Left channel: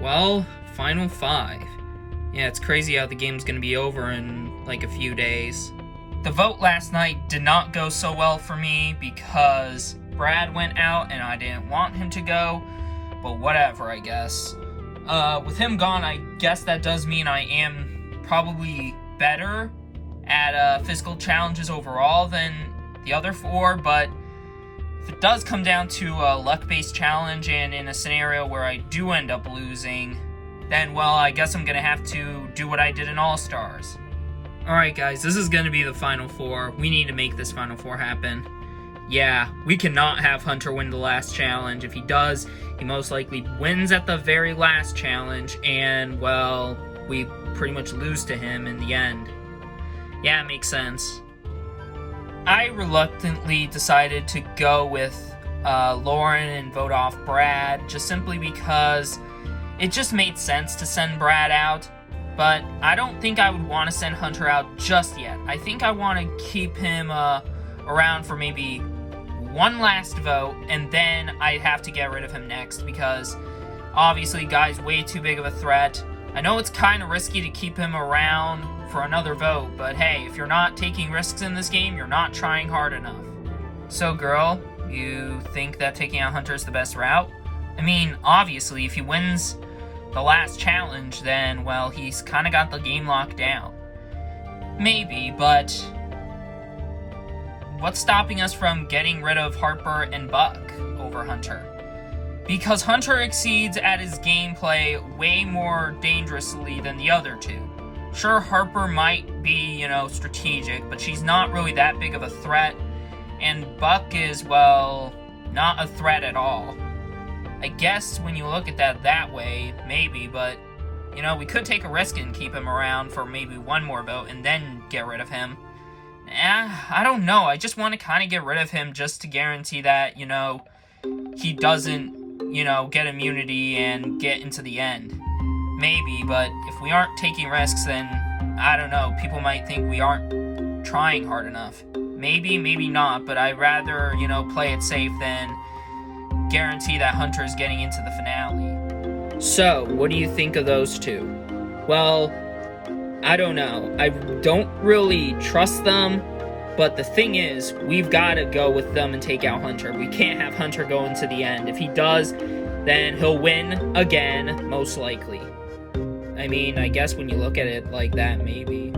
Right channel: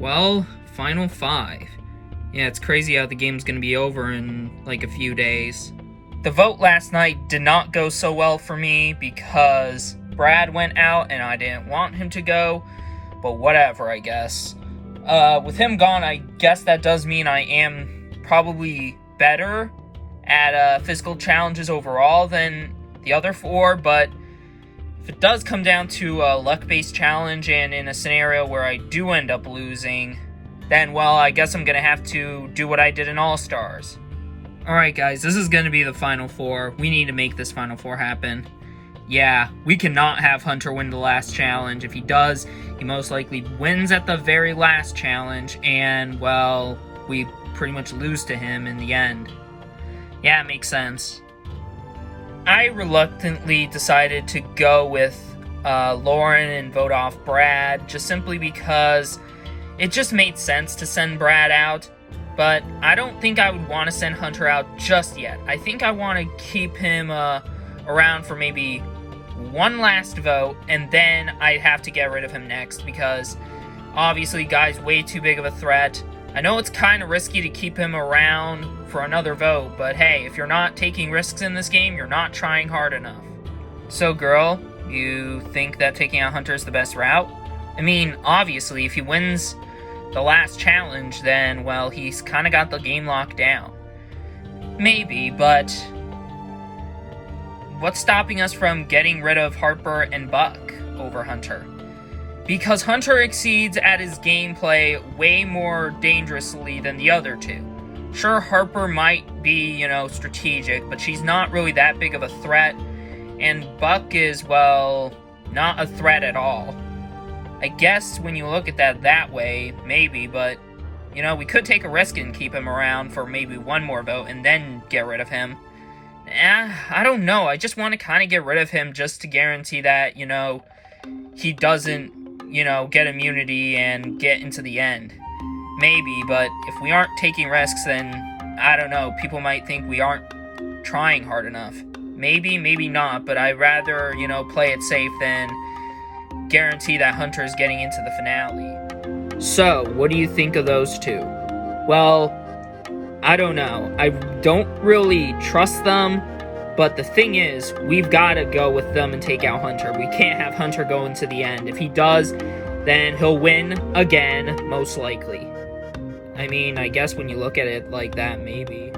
Well, Final 5. Yeah, it's crazy how the game's gonna be over in like a few days. The vote last night did not go so well for me because Brad went out and I didn't want him to go, but whatever, I guess. With him gone, I guess that does mean I am probably better at physical challenges overall than the other 4, but if it does come down to a luck-based challenge and in a scenario where I do end up losing, then, well, I guess I'm gonna have to do what I did in All-Stars. Alright guys, this is gonna be the Final 4. We need to make this Final 4 happen. Yeah, we cannot have Hunter win the last challenge. If he does, he most likely wins at the very last challenge, and, well, we pretty much lose to him in the end. Yeah, it makes sense. I reluctantly decided to go with Lauren and vote off Brad, just simply because it just made sense to send Brad out, but I don't think I would want to send Hunter out just yet. I think I want to keep him around for maybe one last vote, and then I'd have to get rid of him next, because obviously guy's way too big of a threat. I know it's kind of risky to keep him around for another vote, but hey, if you're not taking risks in this game, you're not trying hard enough. So girl, you think that taking out Hunter is the best route? I mean, obviously, if he wins the last challenge, then, well, he's kind of got the game locked down. Maybe, but what's stopping us from getting rid of Harper and Buck over Hunter? Because Hunter exceeds at his gameplay way more dangerously than the other two. Sure, Harper might be, strategic, but she's not really that big of a threat, and Buck is, well, not a threat at all. I guess when you look at that way, maybe, but, we could take a risk and keep him around for maybe one more vote and then get rid of him. I don't know, I just want to kind of get rid of him just to guarantee that, he doesn't, get immunity and get into the end. Maybe, but if we aren't taking risks, then, I don't know, people might think we aren't trying hard enough. Maybe, maybe not, but I'd rather, play it safe than guarantee that Hunter's getting into the finale. So, what do you think of those two? Well, I don't know. I don't really trust them, but the thing is, we've got to go with them and take out Hunter. We can't have Hunter go into the end. If he does, then he'll win again, most likely. I mean, I guess when you look at it like that, maybe.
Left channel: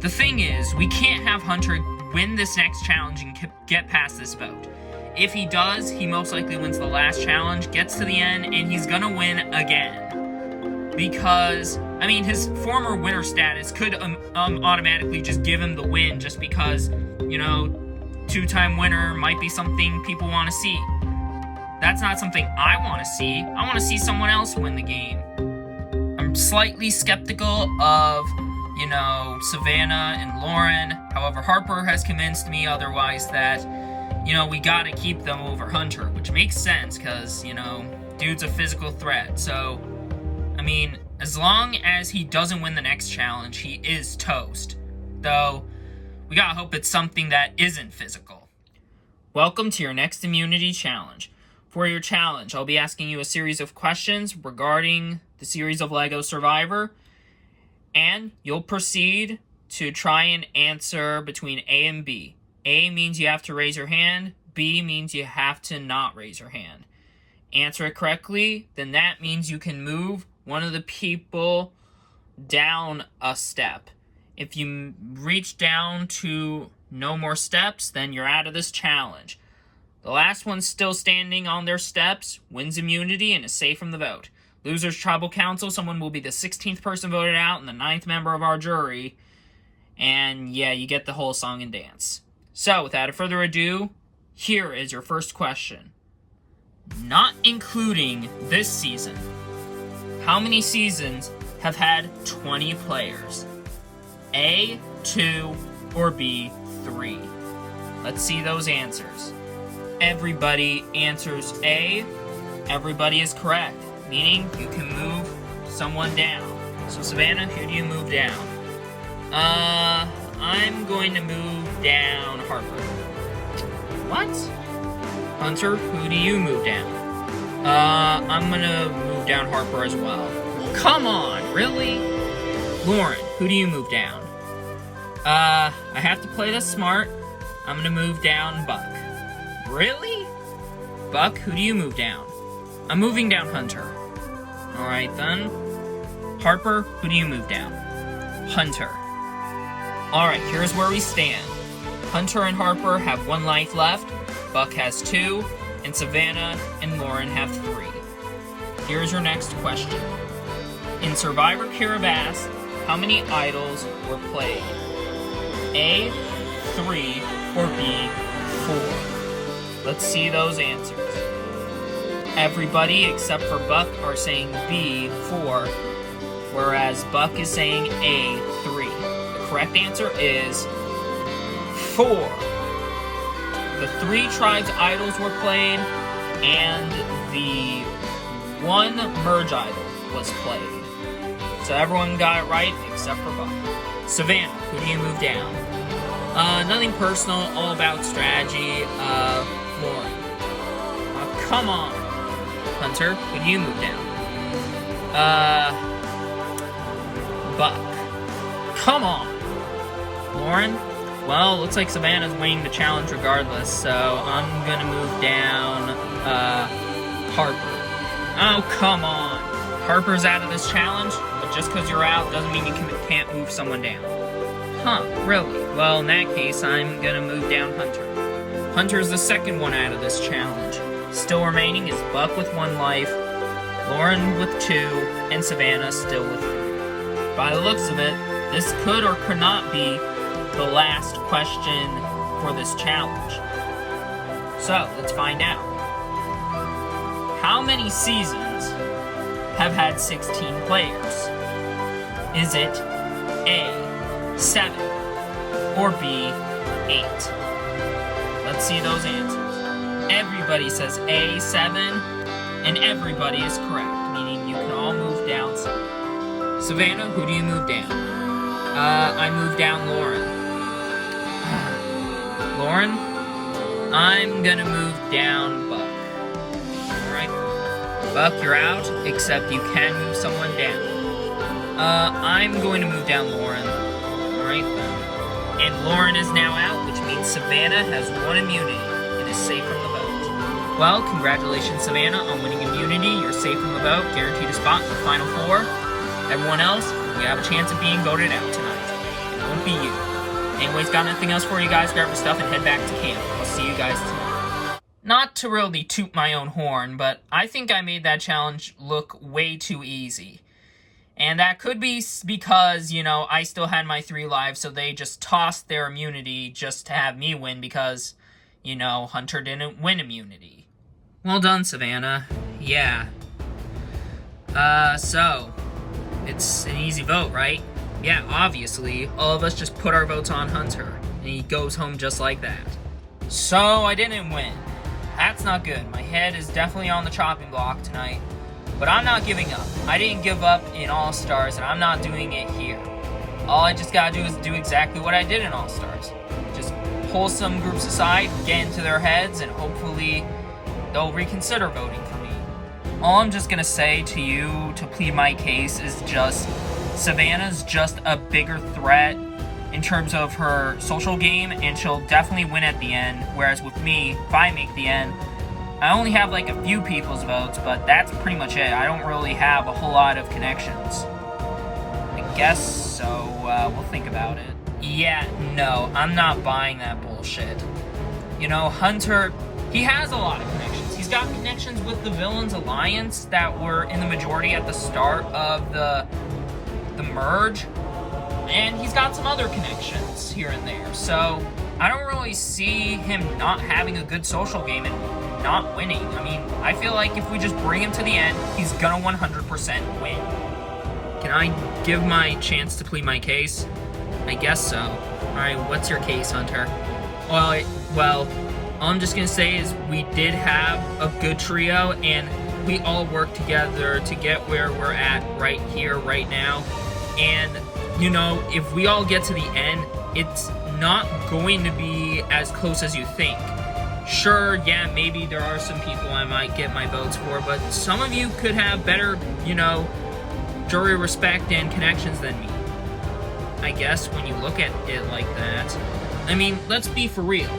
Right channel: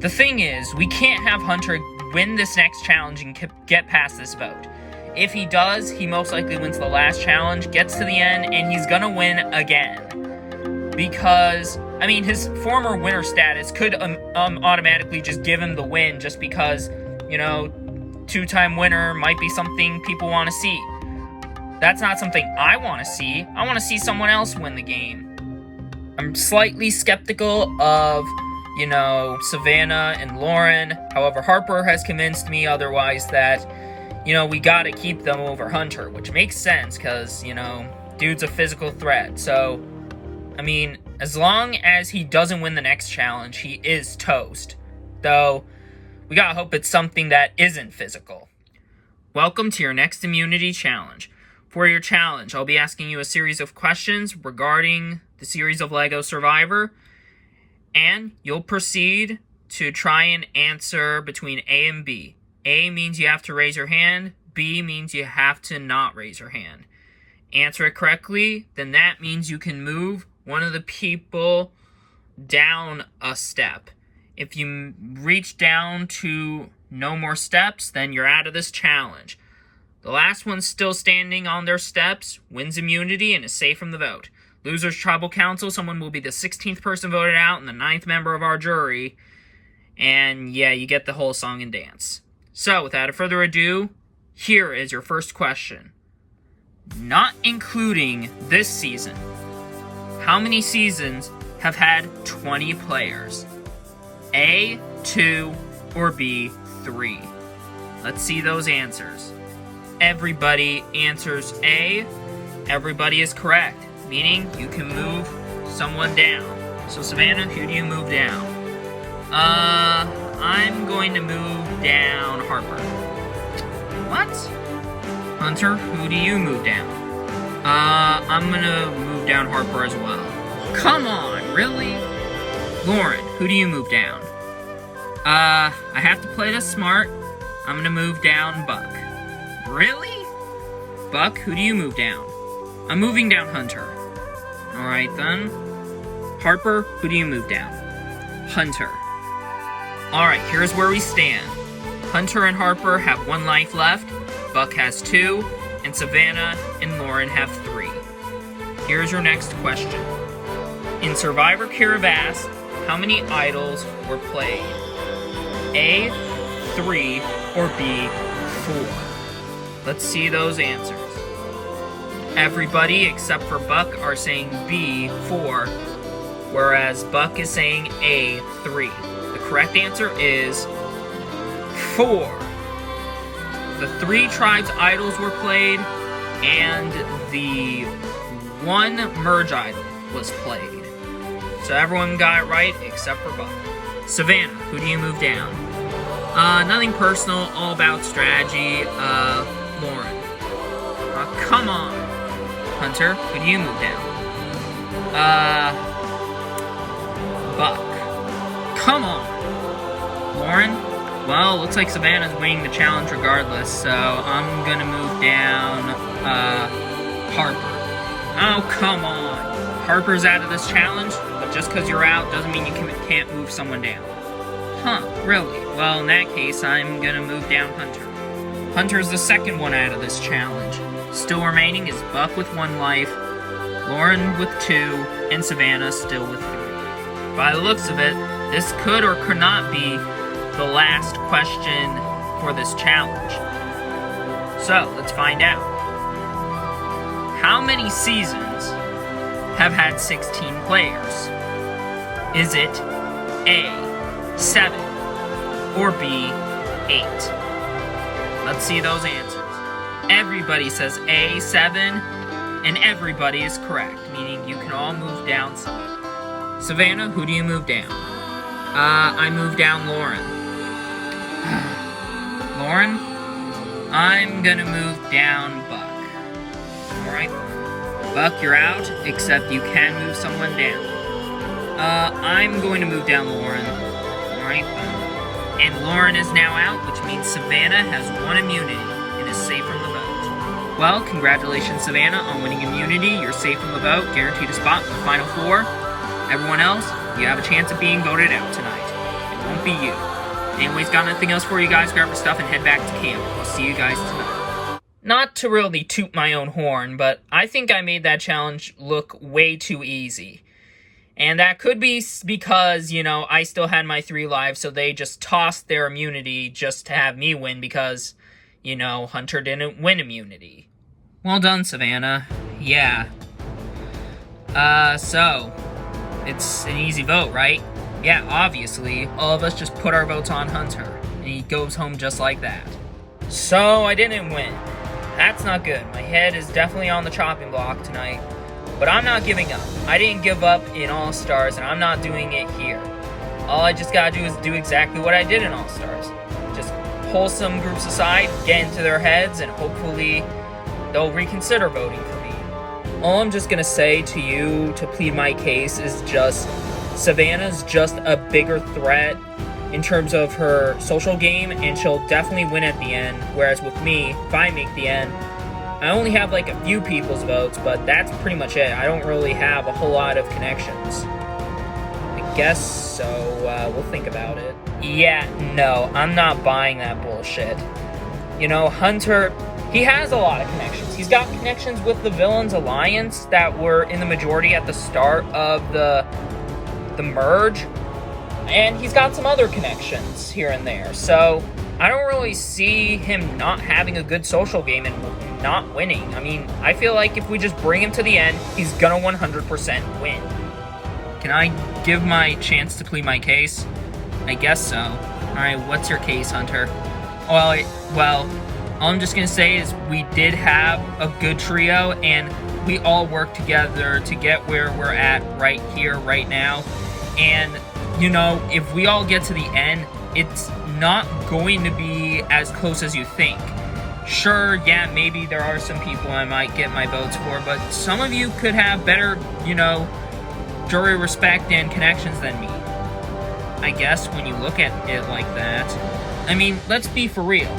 The thing is, we can't have Hunter win this next challenge and get past this vote. If he does, he most likely wins the last challenge, gets to the end, and he's gonna win again. Because, I mean, his former winner status could automatically just give him the win just because, two-time winner might be something people want to see. That's not something I want to see. I want to see someone else win the game. I'm slightly skeptical of, Savannah and Lauren. However, Harper has convinced me otherwise that, we gotta keep them over Hunter, which makes sense because, dude's a physical threat. So, I mean, as long as he doesn't win the next challenge, he is toast. Though, we gotta hope it's something that isn't physical. Welcome to your next immunity challenge. For your challenge, I'll be asking you a series of questions regarding the series of LEGO Survivor, and you'll proceed to try and answer between A and B. A means you have to raise your hand, B means you have to not raise your hand. Answer it correctly, then that means you can move one of the people down a step. If you reach down to no more steps, then you're out of this challenge. The last one still standing on their steps wins immunity and is safe from the vote. Loser's tribal council, someone will be the 16th person voted out and the 9th member of our jury. And yeah, you get the whole song and dance. So, without further ado, here is your first question. Not including this season, how many seasons have had 20 players? A, 2, or B, 3? Let's see those answers. Everybody answers A. Everybody is correct, meaning you can move someone down. So Savannah, who do you move down? I'm going to move down Harper. What? Hunter, who do you move down? I'm gonna move down Harper as well. come on, really? Lauren, who do you move down? I have to play this smart. I'm gonna move down Buck. Really? Buck, who do you move down? I'm moving down Hunter. Alright then. Harper, who do you move down? Hunter. Alright, here's where we stand. Hunter and Harper have 1 life left, Buck has 2, and Savannah and Lauren have 3. Here's your next question. In Survivor Caravass, how many idols were played? A, 3, or B, 4? Let's see those answers. Everybody except for Buck are saying B, 4, whereas Buck is saying A, 3. The correct answer is 4. The 3 tribes idols were played, and the 1 merge idol was played. So everyone got it right except for Buck. Savannah, who do you move down? Nothing personal, all about strategy. Lauren. Come on. Hunter, who do you move down? Buck. Come on. Lauren? Well, looks like Savannah's winning the challenge regardless, so I'm gonna move down, Harper. Oh, come on. Harper's out of this challenge, but just because you're out doesn't mean you can't move someone down. Huh, really? Well, in that case, I'm gonna move down Hunter. Hunter's the second one out of this challenge. Still remaining is Buck with 1 life, Lauren with 2, and Savannah still with 3. By the looks of it, this could or could not be the last question for this challenge. So, let's find out. How many seasons have had 16 players? Is it A, 7, or B, 8? Let's see those answers. Everybody says A, 7, and everybody is correct, meaning you can all move down some. Savannah, who do you move down? I move down Lauren. Lauren, I'm gonna move down Buck. Alright. Buck, you're out, except you can move someone down. I'm going to move down Lauren. Alright then. And Lauren is now out, which means Savannah has 1 immunity and is safe from the vote. Well, congratulations, Savannah, on winning immunity. You're safe from the vote, guaranteed a spot in the Final 4. Everyone else, you have a chance of being voted out tonight. It won't be you. Anyways, got nothing else for you guys. Grab your stuff and head back to camp. I'll see you guys tonight. Not to really toot my own horn, but I think I made that challenge look way too easy. And that could be because, you know, I still had my 3 lives, so they just tossed their immunity just to have me win because, you know, Hunter didn't win immunity. Well done, Savannah. Yeah. So, it's an easy vote, right? Yeah, obviously, all of us just put our votes on Hunter, and he goes home just like that. So, I didn't win. That's not good. My head is definitely on the chopping block tonight. But I'm not giving up. I didn't give up in All-Stars, and I'm not doing it here. All I just gotta do is do exactly what I did in All-Stars. Just pull some groups aside, get into their heads, and hopefully they'll reconsider voting for me. All I'm just gonna say to you to plead my case is just Savannah's just a bigger threat in terms of her social game, and she'll definitely win at the end, whereas with me, if I make the end, I only have like a few people's votes, but that's pretty much it. I don't really have a whole lot of connections. I guess so, we'll think about it. Yeah, no, I'm not buying that bullshit. You know, Hunter, he has a lot of connections. He's got connections with the Villains Alliance that were in the majority at the start of the merge, and he's got some other connections here and there, so I don't really see him not having a good social game and not winning. I mean, I feel like if we just bring him to the end, he's gonna 100% win. Can I give my chance to plead my case? I guess so. Alright, what's your case, Hunter? Well, all I'm just gonna say is we did have a good trio, and we all worked together to get where we're at right here, right now. And, you know, if we all get to the end, it's not going to be as close as you think. Sure, yeah, maybe there are some people I might get my votes for, but some of you could have better, you know, jury respect and connections than me. I guess when you look at it like that. I mean, let's be for real.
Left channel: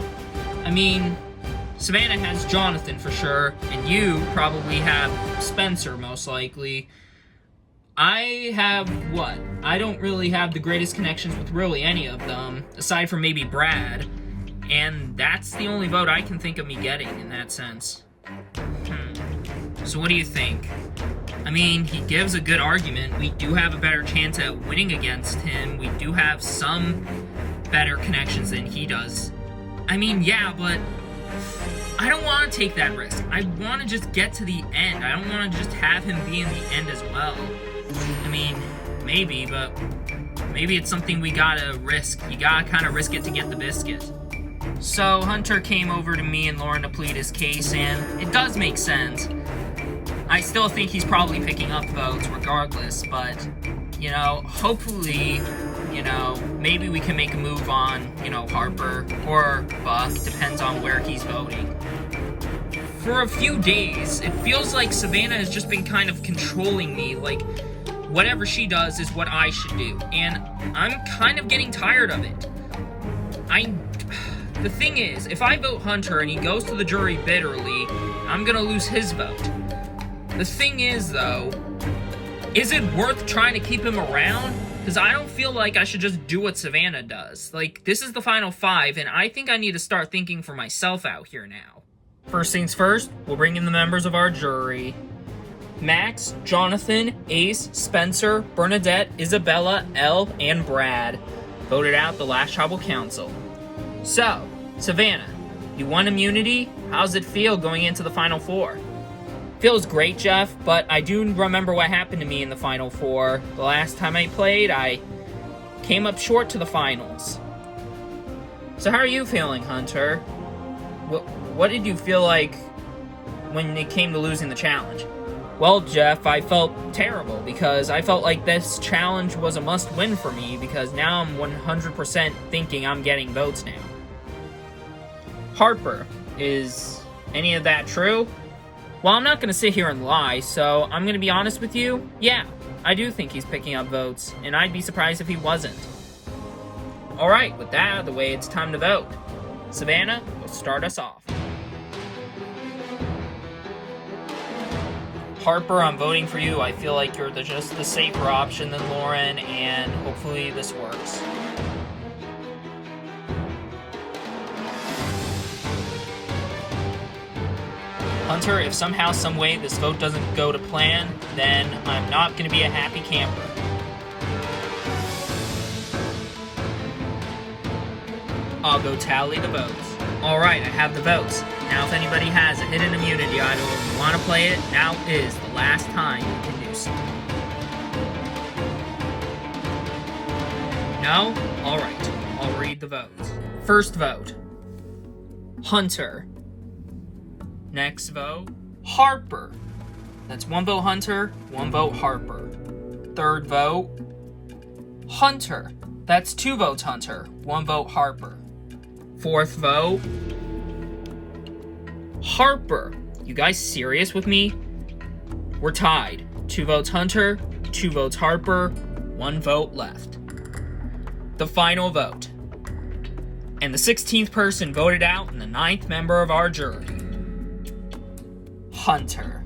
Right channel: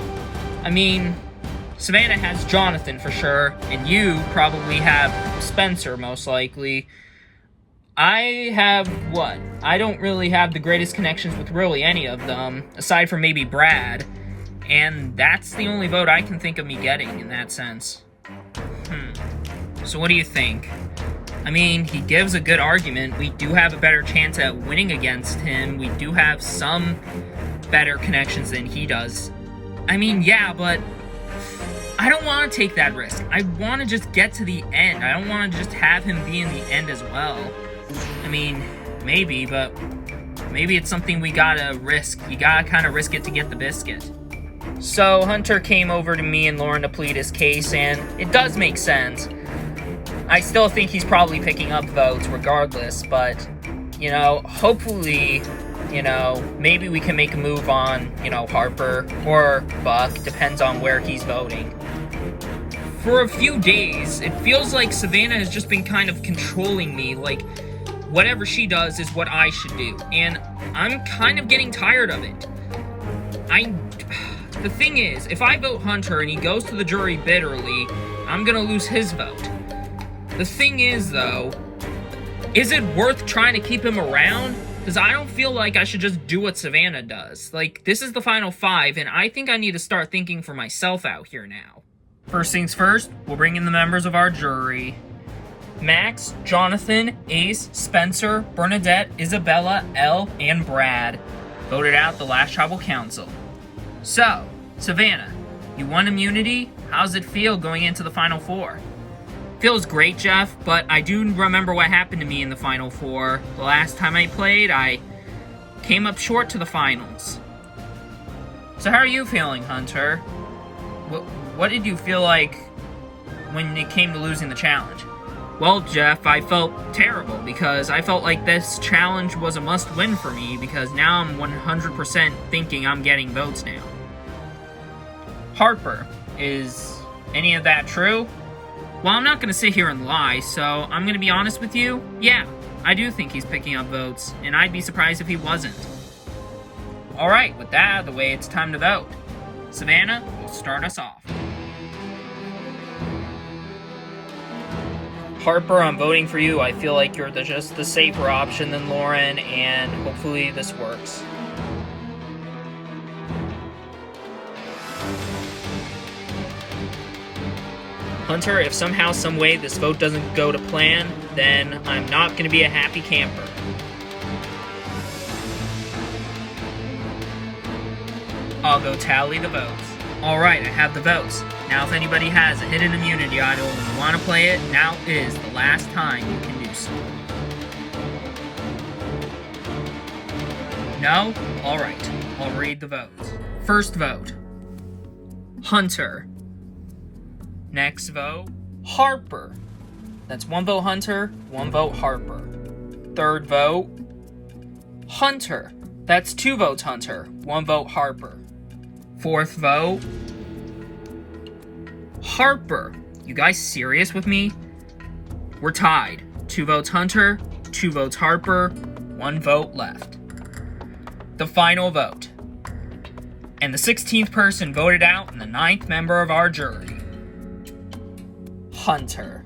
I mean, Savannah has Jonathan for sure, and you probably have Spencer most likely. I have what? I don't really have the greatest connections with really any of them, aside from maybe Brad. And that's the only vote I can think of me getting in that sense. So what do you think? I mean, he gives a good argument. We do have a better chance at winning against him. We do have some better connections than he does. I mean, yeah, but I don't want to take that risk. I want to just get to the end. I don't want to just have him be in the end as well. I mean, maybe, but maybe it's something we gotta risk. You gotta kind of risk it to get the biscuit. So Hunter came over to me and Lauren to plead his case, and it does make sense. I still think he's probably picking up votes regardless, but, you know, hopefully, you know, maybe we can make a move on, you know, Harper or Buck, depends on where he's voting. For a few days, it feels like Savannah has just been kind of controlling me, like, whatever she does is what I should do, and I'm kind of getting tired of it. The thing is, if I vote Hunter and he goes to the jury bitterly, I'm gonna lose his vote. The thing is, though, is it worth trying to keep him around? Because I don't feel like I should just do what Savannah does. Like, this is the final 5, and I think I need to start thinking for myself out here now. First things first, we'll bring in the members of our jury. Max, Jonathan, Ace, Spencer, Bernadette, Isabella, Elle, and Brad voted out the last tribal council. So, Savannah, you won immunity. How's it feel going into the final 4? Feels great, Jeff, but I do remember what happened to me in the final 4. The last time I played, I came up short to the finals. So how are you feeling, Hunter? What did you feel like when it came to losing the challenge? Well, Jeff, I felt terrible because I felt like this challenge was a must-win for me because now I'm 100% thinking I'm getting votes now. Harper, is any of that true? Well, I'm not going to sit here and lie, so I'm going to be honest with you. Yeah, I do think he's picking up votes, and I'd be surprised if he wasn't. Alright, with that out of the way, it's time to vote. Savannah will start us off. Harper, I'm voting for you. I feel like you're just the safer option than Lauren, and hopefully this works. Hunter, if somehow, some way this vote doesn't go to plan, then I'm not going to be a happy camper. I'll go tally the votes. Alright, I have the votes. Now if anybody has a hidden immunity idol and you want to play it, now is the last time you can do so. No? Alright, I'll read the votes. First vote, Hunter. Next vote, Harper. That's 1 vote Hunter, 1 vote Harper. Third vote, Hunter. That's 2 votes Hunter, 1 vote Harper. Fourth vote, Harper. You guys serious with me? We're tied. 2 votes Hunter, 2 votes Harper, 1 vote left. The final vote. And the 16th person voted out and the 9th member of our jury. Hunter.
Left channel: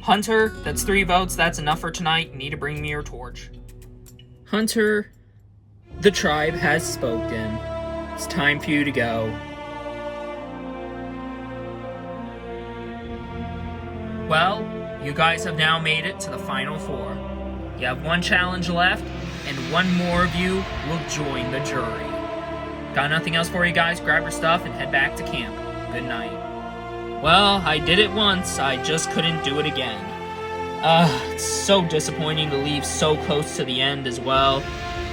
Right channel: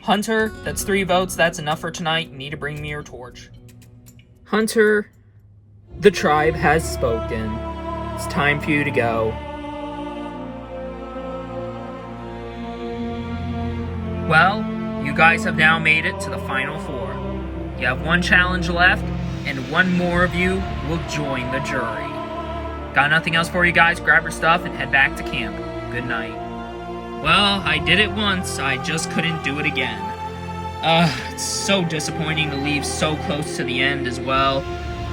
Hunter, that's 3 votes. That's enough for tonight. You need to bring me your torch. Hunter, the tribe has spoken. It's time for you to go. Well, you guys have now made it to the final 4. You have 1 challenge left, and 1 more of you will join the jury. Got nothing else for you guys? Grab your stuff and head back to camp. Good night. Well, I did it once, I just couldn't do it again. It's so disappointing to leave so close to the end as well.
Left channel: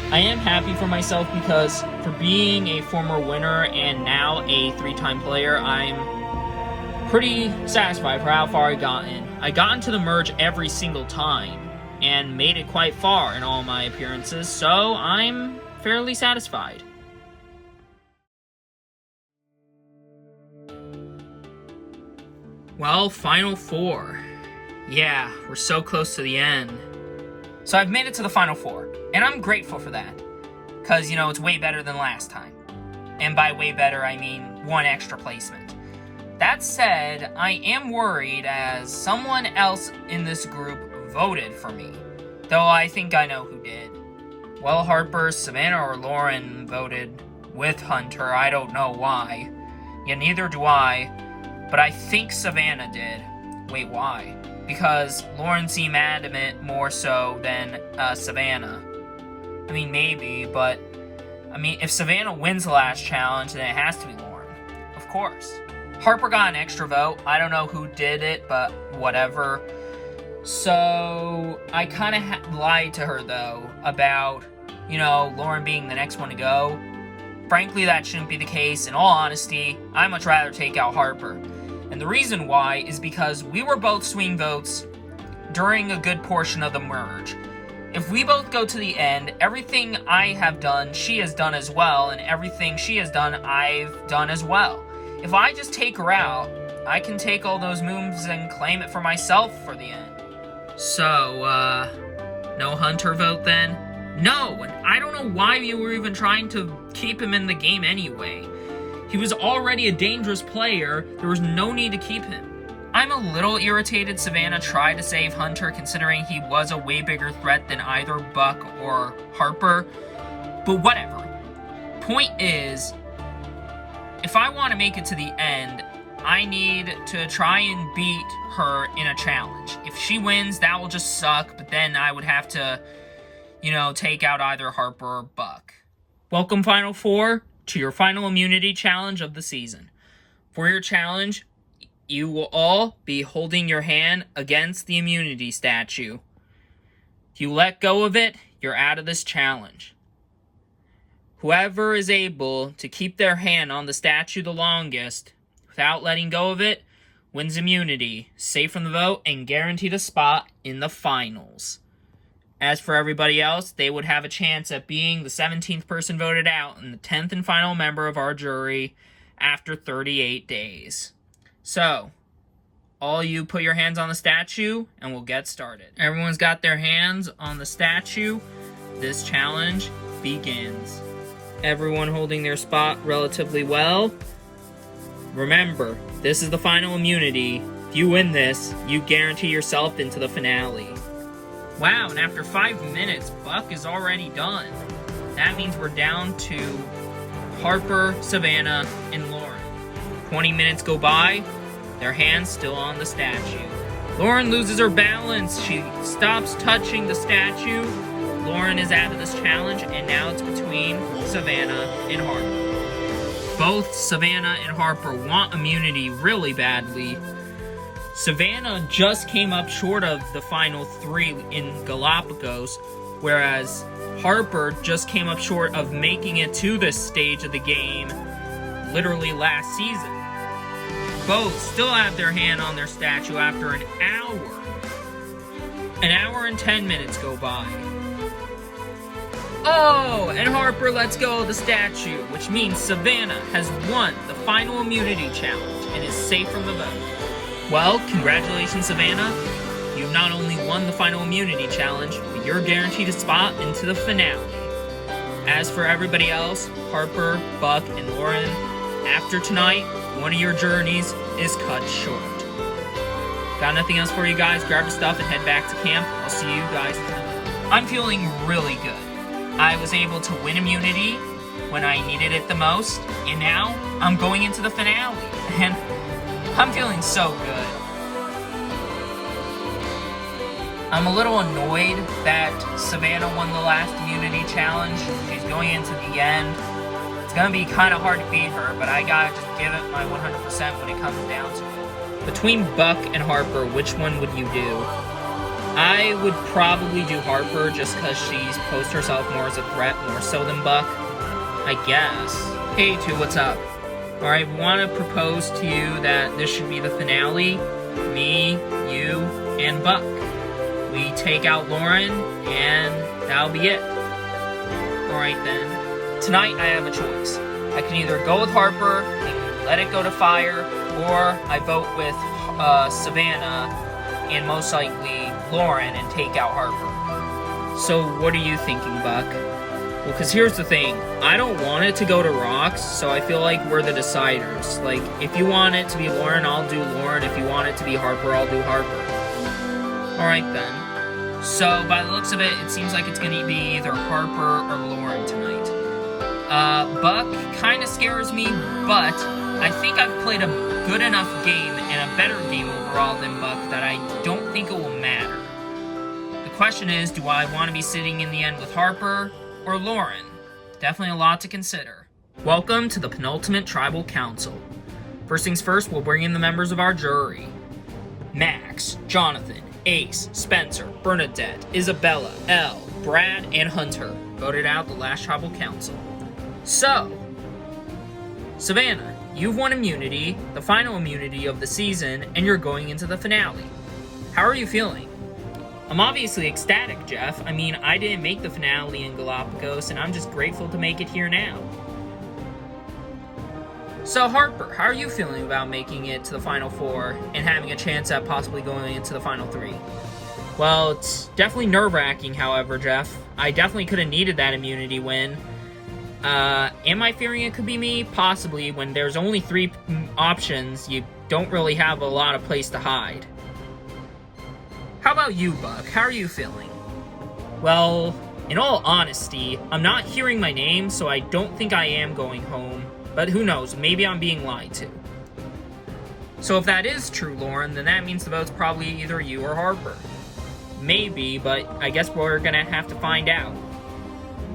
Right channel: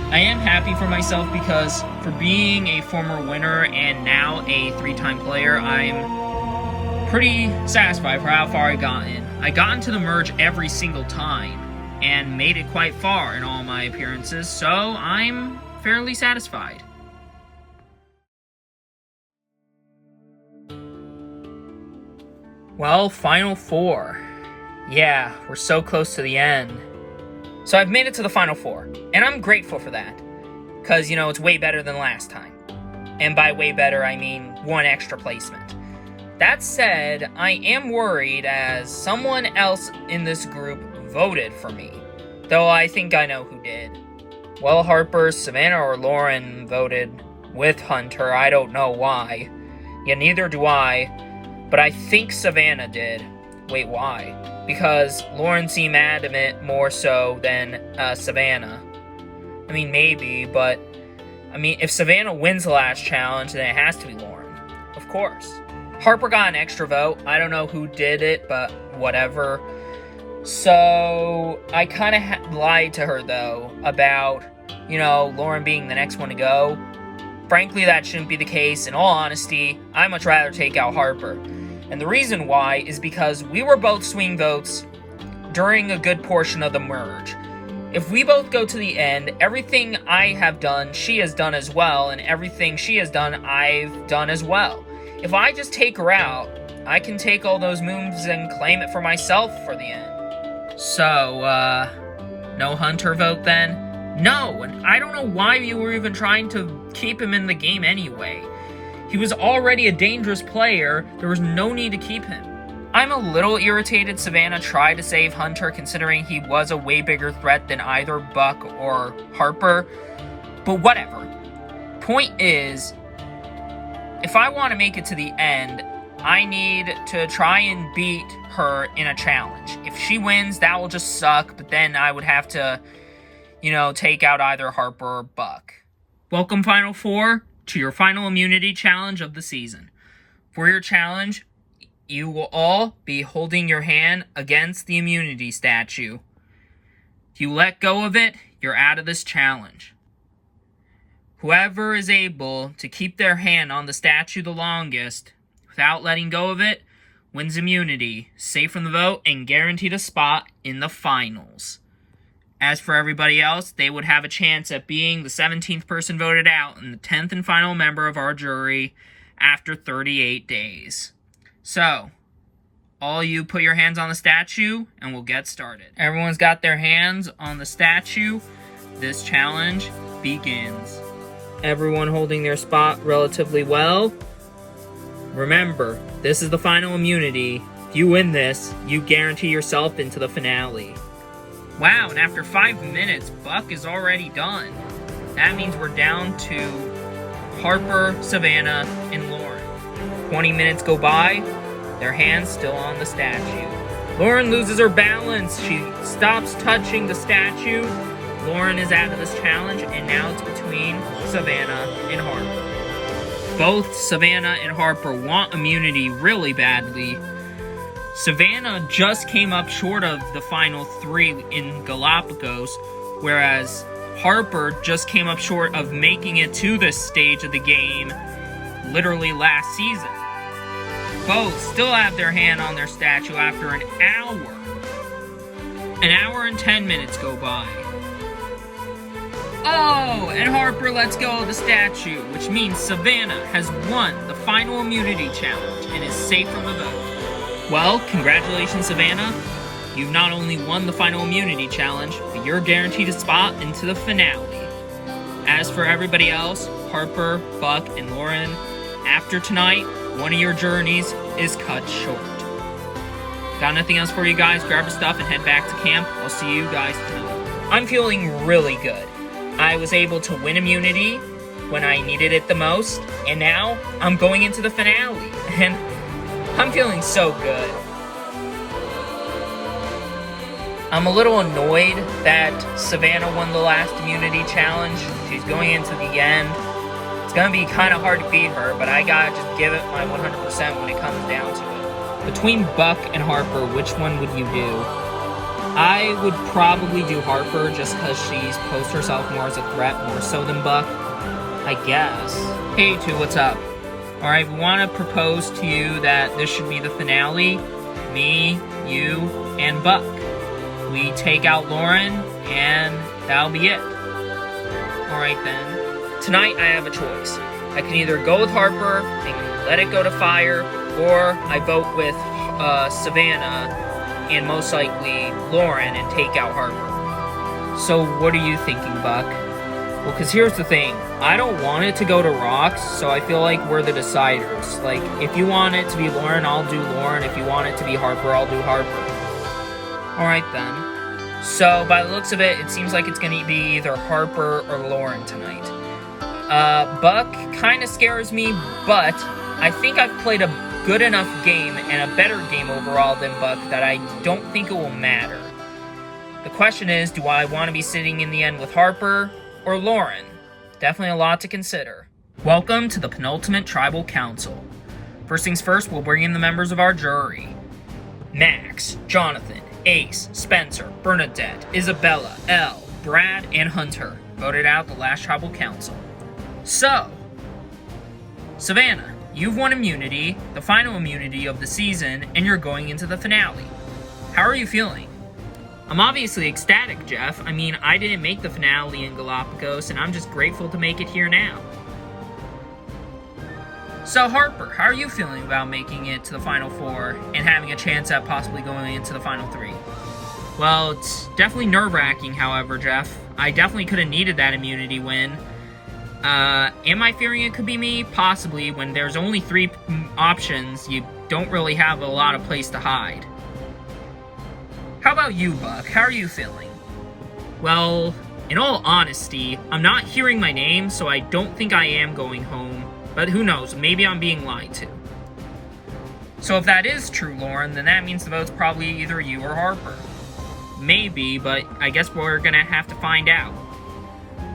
I am happy for myself because for being a former winner and now a 3-time player, I'm pretty satisfied for how far I got in. I got into the merge every single time and made it quite far in all my appearances, so I'm fairly satisfied. Well, final 4. Yeah, we're so close to the end. So I've made it to the Final Four, and I'm grateful for that. Because, it's way better than last time. And by way better, I mean one extra placement. That said, I am worried as someone else in this group voted for me. Though I think I know who did. Well, Harper, Savannah, or Lauren voted with Hunter. I don't know why. Yeah, neither do I. But I think Savannah did. Wait, why? Because Lauren seemed adamant more so than Savannah. I mean, maybe, but... if Savannah wins the last challenge, then it has to be Lauren. Of course. Harper got an extra vote. I don't know who did it, but whatever. So, I kind of lied to her, though, about, Lauren being the next one to go. Frankly, that shouldn't be the case. In all honesty, I'd much rather take out Harper. And the reason why is because we were both swing votes during a good portion of the merge. If we both go to the end, everything I have done, she has done as well, and everything she has done, I've done as well. If I just take her out, I can take all those moves and claim it for myself for the end. So, no Hunter vote then? No, and I don't know why you were even trying to keep him in the game anyway. He was already a dangerous player, there was no need to keep him. I'm a little irritated Savannah tried to save Hunter considering he was a way bigger threat than either Buck or Harper, but whatever. Point is, if I want to make it to the end, I need to try and beat her in a challenge. If she wins, that will just suck, but then I would have to, take out either Harper or Buck. Welcome, Final Four, to your final immunity challenge of the season. For your challenge, you will all be holding your hand against the immunity statue. If you let go of it, you're out of this challenge. Whoever is able to keep their hand on the statue the longest, without letting go of it, wins immunity, safe from the vote, and guaranteed a spot in the finals. As for everybody else, they would have a chance at being the 17th person voted out and the 10th and final member of our jury after 38 days. So, all you put your hands on the statue and we'll get started. Everyone's got their hands on the statue. This challenge begins. Everyone holding their spot relatively well. Remember, this is the final immunity. If you win this, you guarantee yourself into the finale. Wow, and after 5 minutes, Buck is already done. That means we're down to Harper, Savannah, and Lauren. 20 minutes go by, their hands still on the statue. Lauren loses her balance. She stops touching the statue. Lauren is out of this challenge, and now it's between Savannah and Harper. Both Savannah and Harper want immunity really badly. Savannah just came up short of the final 3 in Galapagos, whereas Harper just came up short of making it to this stage of the game literally last season. Both still have their hand on their statue after an hour. An hour and 10 minutes go by. Oh, and Harper lets go of the statue, which means Savannah has won the final immunity challenge and is safe from the vote. Well, congratulations, Savannah. You've not only won the final immunity challenge, but you're guaranteed a spot into the finale. As for everybody else, Harper, Buck, and Lauren, after tonight, one of your journeys is cut short. Got nothing else for you guys. Grab your stuff and head back to camp. I'll see you guys tonight. I'm feeling really good. I was able to win immunity when I needed it the most, and now I'm going into the finale, and I'm feeling so good. I'm a little annoyed that Savannah won the last immunity challenge. She's going into the end. It's going to be kind of hard to beat her, but I gotta just give it my 100% when it comes down to it. Between Buck and Harper, which one would you do? I would probably do Harper just because she's posed herself more as a threat, more so than Buck. I guess. Hey, two, what's up? Alright, we want to propose to you that this should be the finale. Me, you, and Buck. We take out Lauren, and that'll be it. Alright then. Tonight I have a choice. I can either go with Harper and let it go to fire, or I vote with Savannah and most likely Lauren and take out Harper. So what are you thinking, Buck? Well, because here's the thing. I don't want it to go to Rocks, so I feel like we're the deciders. Like, if you want it to be Lauren, I'll do Lauren. If you want it to be Harper, I'll do Harper. Alright then. So, by the looks of it, it seems like it's going to be either Harper or Lauren tonight. Buck kind of scares me, but I think I've played a good enough game and a better game overall than Buck that I don't think it will matter. The question is, do I want to be sitting in the end with Harper or Lauren? Definitely a lot to consider. Welcome to the penultimate tribal council. First things first, we'll bring in the members of our jury. Max, Jonathan, Ace, Spencer, Bernadette, Isabella, Elle, Brad, and Hunter voted out the last tribal council. So, Savannah, you've won immunity, the final immunity of the season, and you're going into the finale. How are you feeling? I'm obviously ecstatic, Jeff. I mean, I didn't make the finale in Galapagos, and I'm just grateful to make it here now. So, Harper, how are you feeling about making it to the Final Four and having a chance at possibly going into the Final Three? Well, it's definitely nerve-wracking, however, Jeff. I definitely could have needed that immunity win. Am I fearing it could be me? Possibly. When there's only 3 options, you don't really have a lot of place to hide. How about you, Buck? How are you feeling? Well, in all honesty, I'm not hearing my name, so I don't think I am going home. But who knows, maybe I'm being lied to. So if that is true, Lauren, then that means the vote's probably either you or Harper. Maybe, but I guess we're gonna have to find out.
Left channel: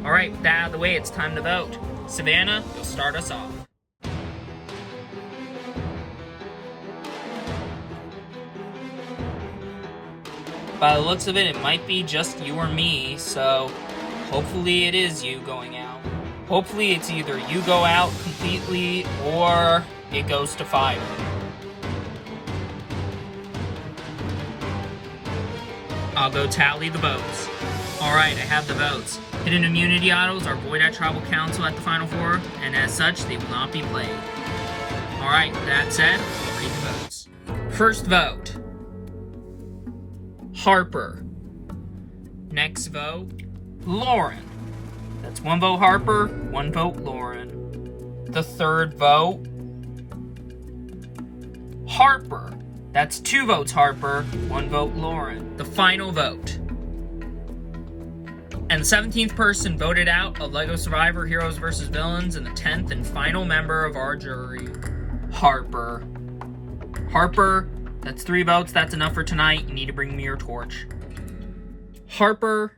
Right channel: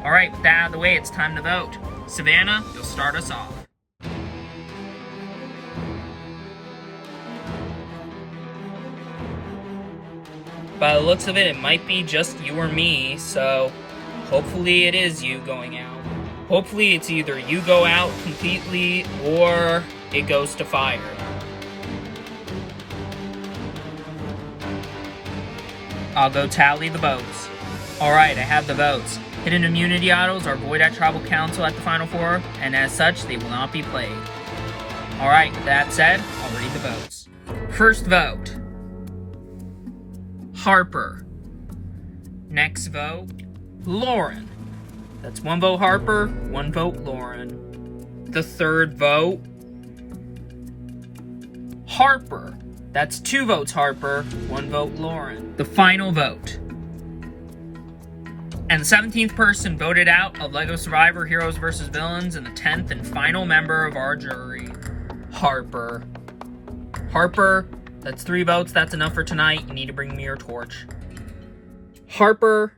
Alright, with that out of the way, it's time to vote. Savannah, you'll start us off. By the looks of it, it might be just you or me, so hopefully it is you going out. Hopefully it's either you go out completely or it goes to fire. I'll go tally the votes. Alright, I have the votes. Hidden immunity idols are void at Tribal Council at the Final Four, and as such, they will not be played. Alright, with that said, I'll read the votes. First vote, Harper. Next vote, Lauren. That's 1 vote Harper, 1 vote Lauren. The third vote, Harper. That's 2 votes Harper, 1 vote Lauren. The final vote. And the 17th person voted out of LEGO Survivor Heroes vs. Villains and the 10th and final member of our jury, Harper. Harper, that's 3 votes. That's enough for tonight. You need to bring me your torch. Harper,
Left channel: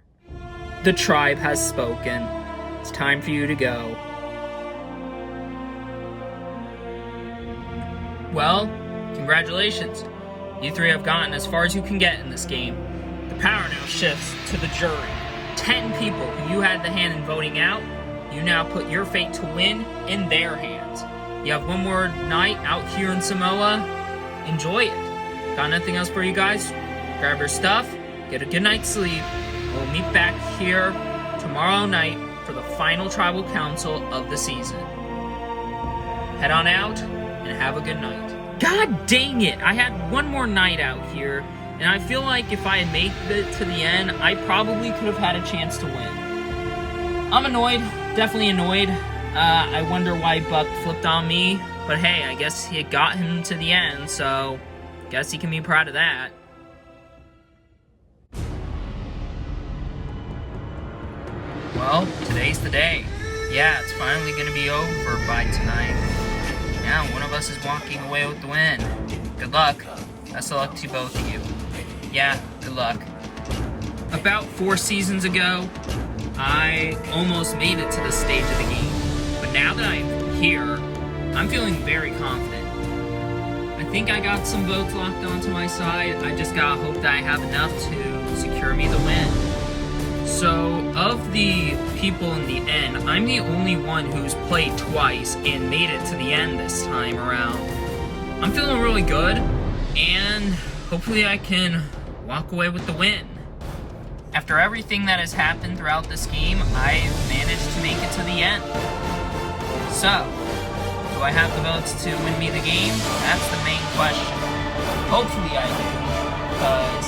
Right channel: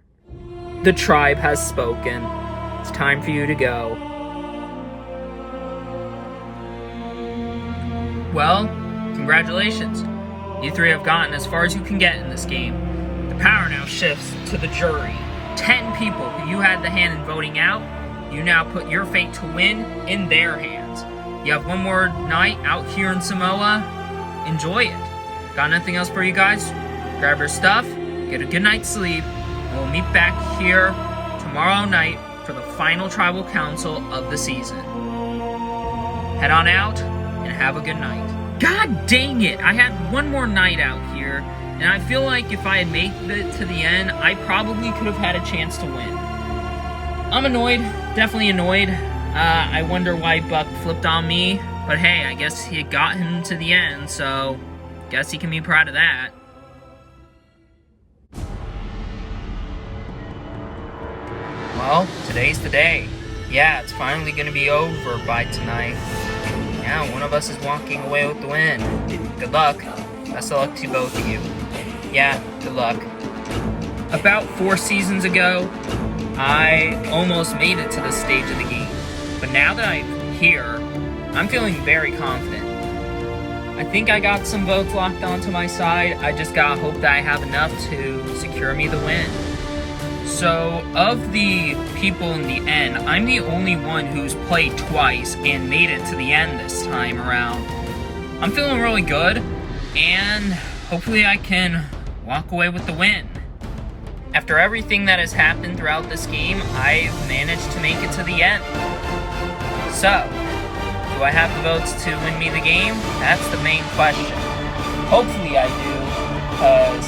the tribe has spoken. It's time for you to go. Well, congratulations. You 3 have gotten as far as you can get in this game. The power now shifts to the jury. 10 people who you had the hand in voting out, you now put your fate to win in their hands. You have 1 more night out here in Samoa. Enjoy it. Got nothing else for you guys? Grab your stuff, get a good night's sleep, and we'll meet back here tomorrow night for the final tribal council of the season. Head on out and have a good night. God dang it! I had 1 more night out here. And I feel like if I had made it to the end, I probably could have had a chance to win. I'm annoyed, definitely annoyed. I wonder why Buck flipped on me. But hey, I guess he got him to the end, so guess he can be proud of that. Well, today's the day. Yeah, it's finally gonna be over by tonight. Now, one of us is walking away with the win. Good luck. Best of luck to both of you. Yeah, good luck. About 4 seasons ago, I almost made it to this stage of the game. But now that I'm here, I'm feeling very confident. I think I got some votes locked onto my side. I just gotta hope that I have enough to secure me the win. So, of the people in the end, I'm the only one who's played twice and made it to the end this time around. I'm feeling really good, and hopefully I can walk away with the win. After everything that has happened throughout this game, I've managed to make it to the end. So, do I have the votes to win me the game? That's the main question. Hopefully I do, because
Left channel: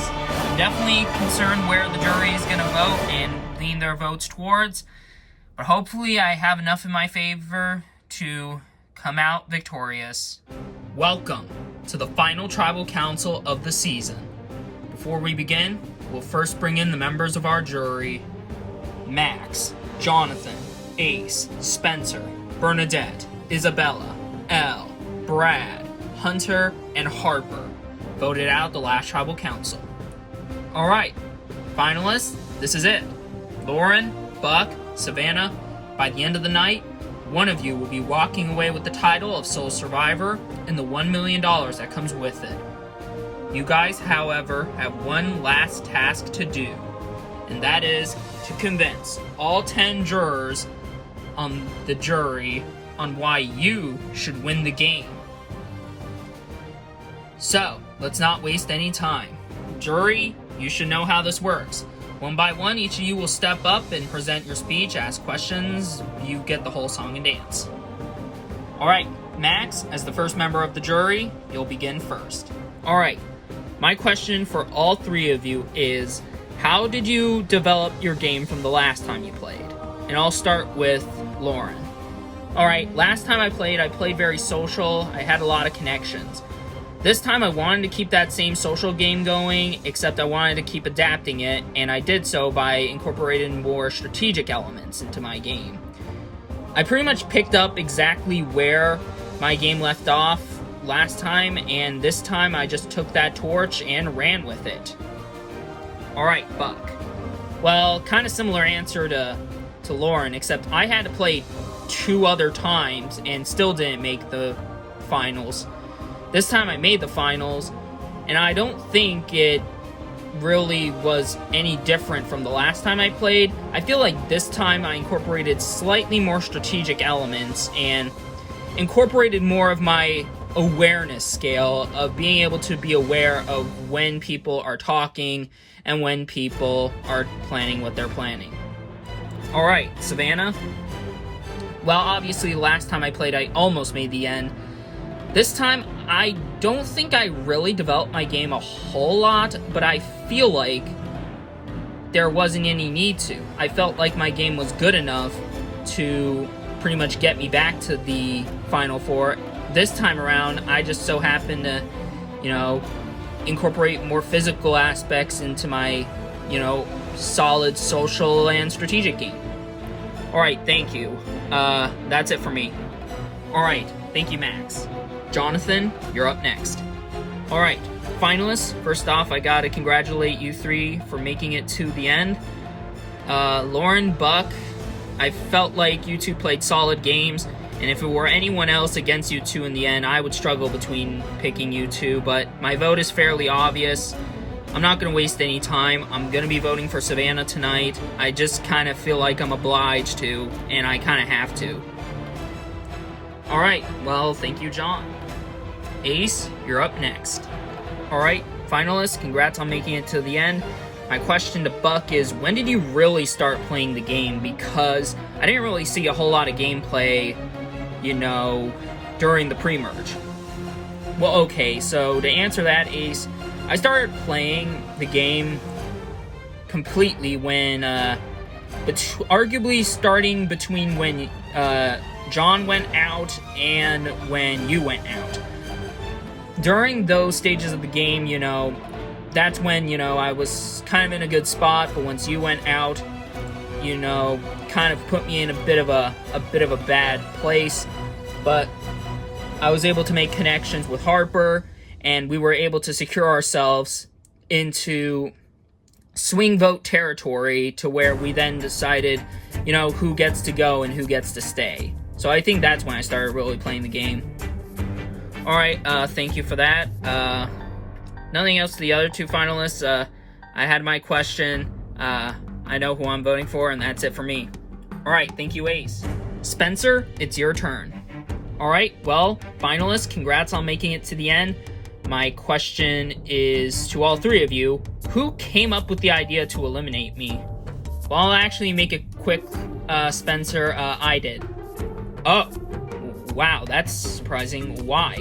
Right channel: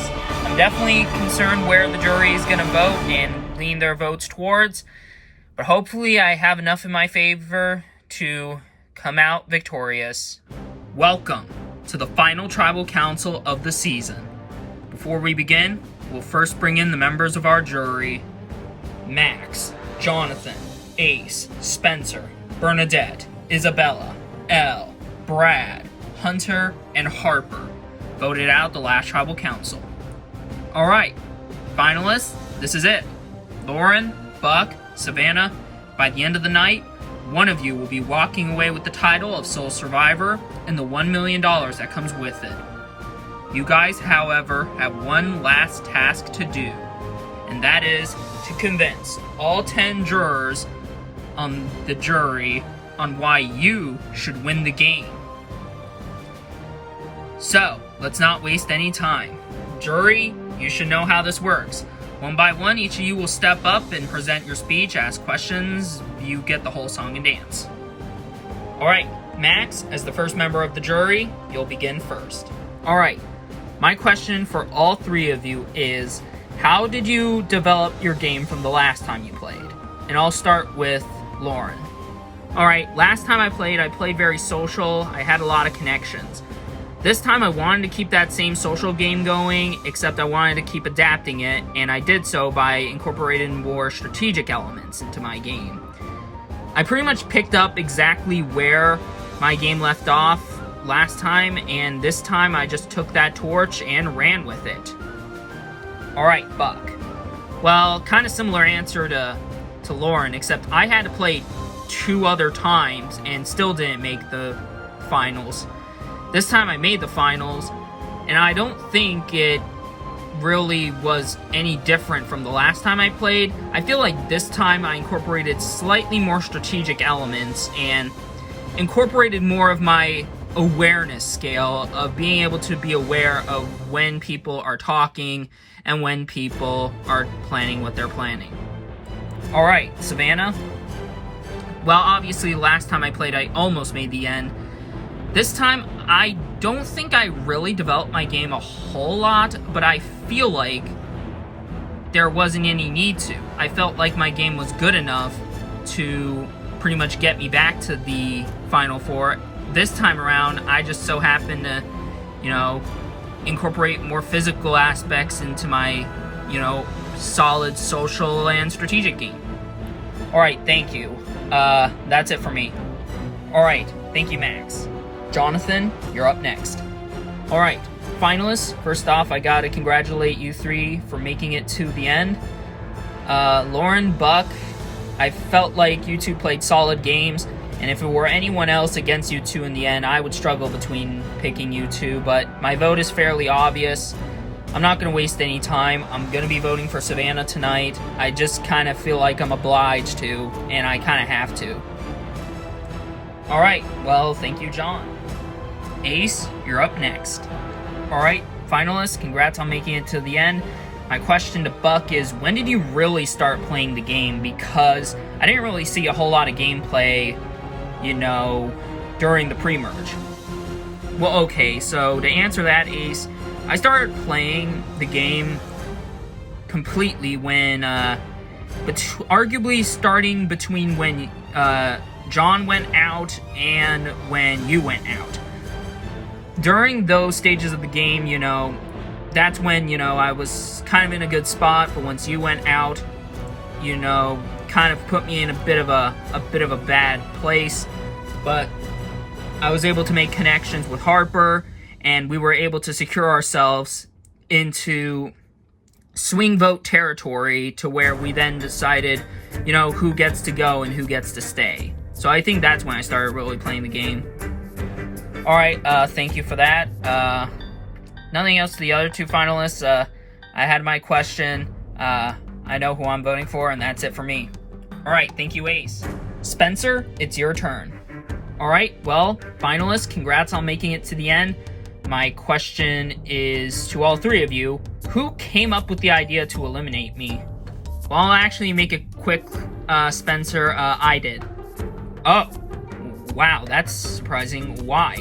I'm definitely concerned where the jury is going to vote and lean their votes towards, but hopefully I have enough in my favor to come out victorious. Welcome to the final tribal council of the season. Before we begin, we'll first bring in the members of our jury. Max, Jonathan, Ace, Spencer, Bernadette, Isabella, Elle, Brad, Hunter, and Harper voted out the last tribal council. Alright, finalists, this is it. Lauren, Buck, Savannah, by the end of the night, one of you will be walking away with the title of sole survivor and the $1 million that comes with it. You guys, however, have one last task to do, and that is to convince all 10 jurors on the jury on why you should win the game. So, let's not waste any time. Jury, you should know how this works. One by one, each of you will step up and present your speech, ask questions, you get the whole song and dance. Alright, Max, as the first member of the jury, you'll begin first. Alright, my question for all three of you is, how did you develop your game from the last time you played? And I'll start with Lauren. Alright, last time I played very social, I had a lot of connections. This time I wanted to keep that same social game going, except I wanted to keep adapting it, and I did so by incorporating more strategic elements into my game. I pretty much picked up exactly where my game left off last time, and this time I just took that torch and ran with it. Alright, Buck. Well, kind of similar answer to Lauren, except I had to play 2 other times and still didn't make the finals. This time I made the finals, and I don't think it really was any different from the last time I played. I feel like this time I incorporated slightly more strategic elements and incorporated more of my awareness scale of being able to be aware of when people are talking and when people are planning what they're planning. Alright, Savannah. Well, obviously last time I played I almost made the end. This time, I don't think I really developed my game a whole lot, but I feel like there wasn't any need to. I felt like my game was good enough to pretty much get me back to the Final Four. This time around, I just so happened to, incorporate more physical aspects into my, solid social and strategic game. Alright, thank you. That's it for me. Alright, thank you, Max. Jonathan, you're up next. Alright, finalists, first off, I gotta congratulate you 3 for making it to the end. Lauren, Buck, I felt like you 2 played solid games, and if it were anyone else against you 2 in the end, I would struggle between picking you 2, but my vote is fairly obvious. I'm not gonna waste any time. I'm gonna be voting for Savannah tonight. I just kind of feel like I'm obliged to, and I kind of have to. Alright, well, thank you, John. Ace, you're up next. Alright, finalists, congrats on making it to the end. My question to Buck is, when did you really start playing the game? Because I didn't really see a whole lot of gameplay, during the pre-merge. Well, okay, so to answer that, Ace, I started playing the game completely when, arguably starting between when, John went out and when you went out. During those stages of the game, that's when, I was kind of in a good spot, but once you went out, kind of put me in a bit of a bad place. But I was able to make connections with Harper, and we were able to secure ourselves into swing vote territory to where we then decided, who gets to go and who gets to stay. So I think that's when I started really playing the game. Alright, thank you for that. Nothing else to the other 2 finalists. I had my question. I know who I'm voting for, and that's it for me. Alright, thank you, Ace. Spencer, it's your turn. Alright, well, finalists, congrats on making it to the end. My question is to all 3 of you, who came up with the idea to eliminate me? Well, I'll actually make it quick, Spencer. I did. Oh, wow, that's surprising. Why?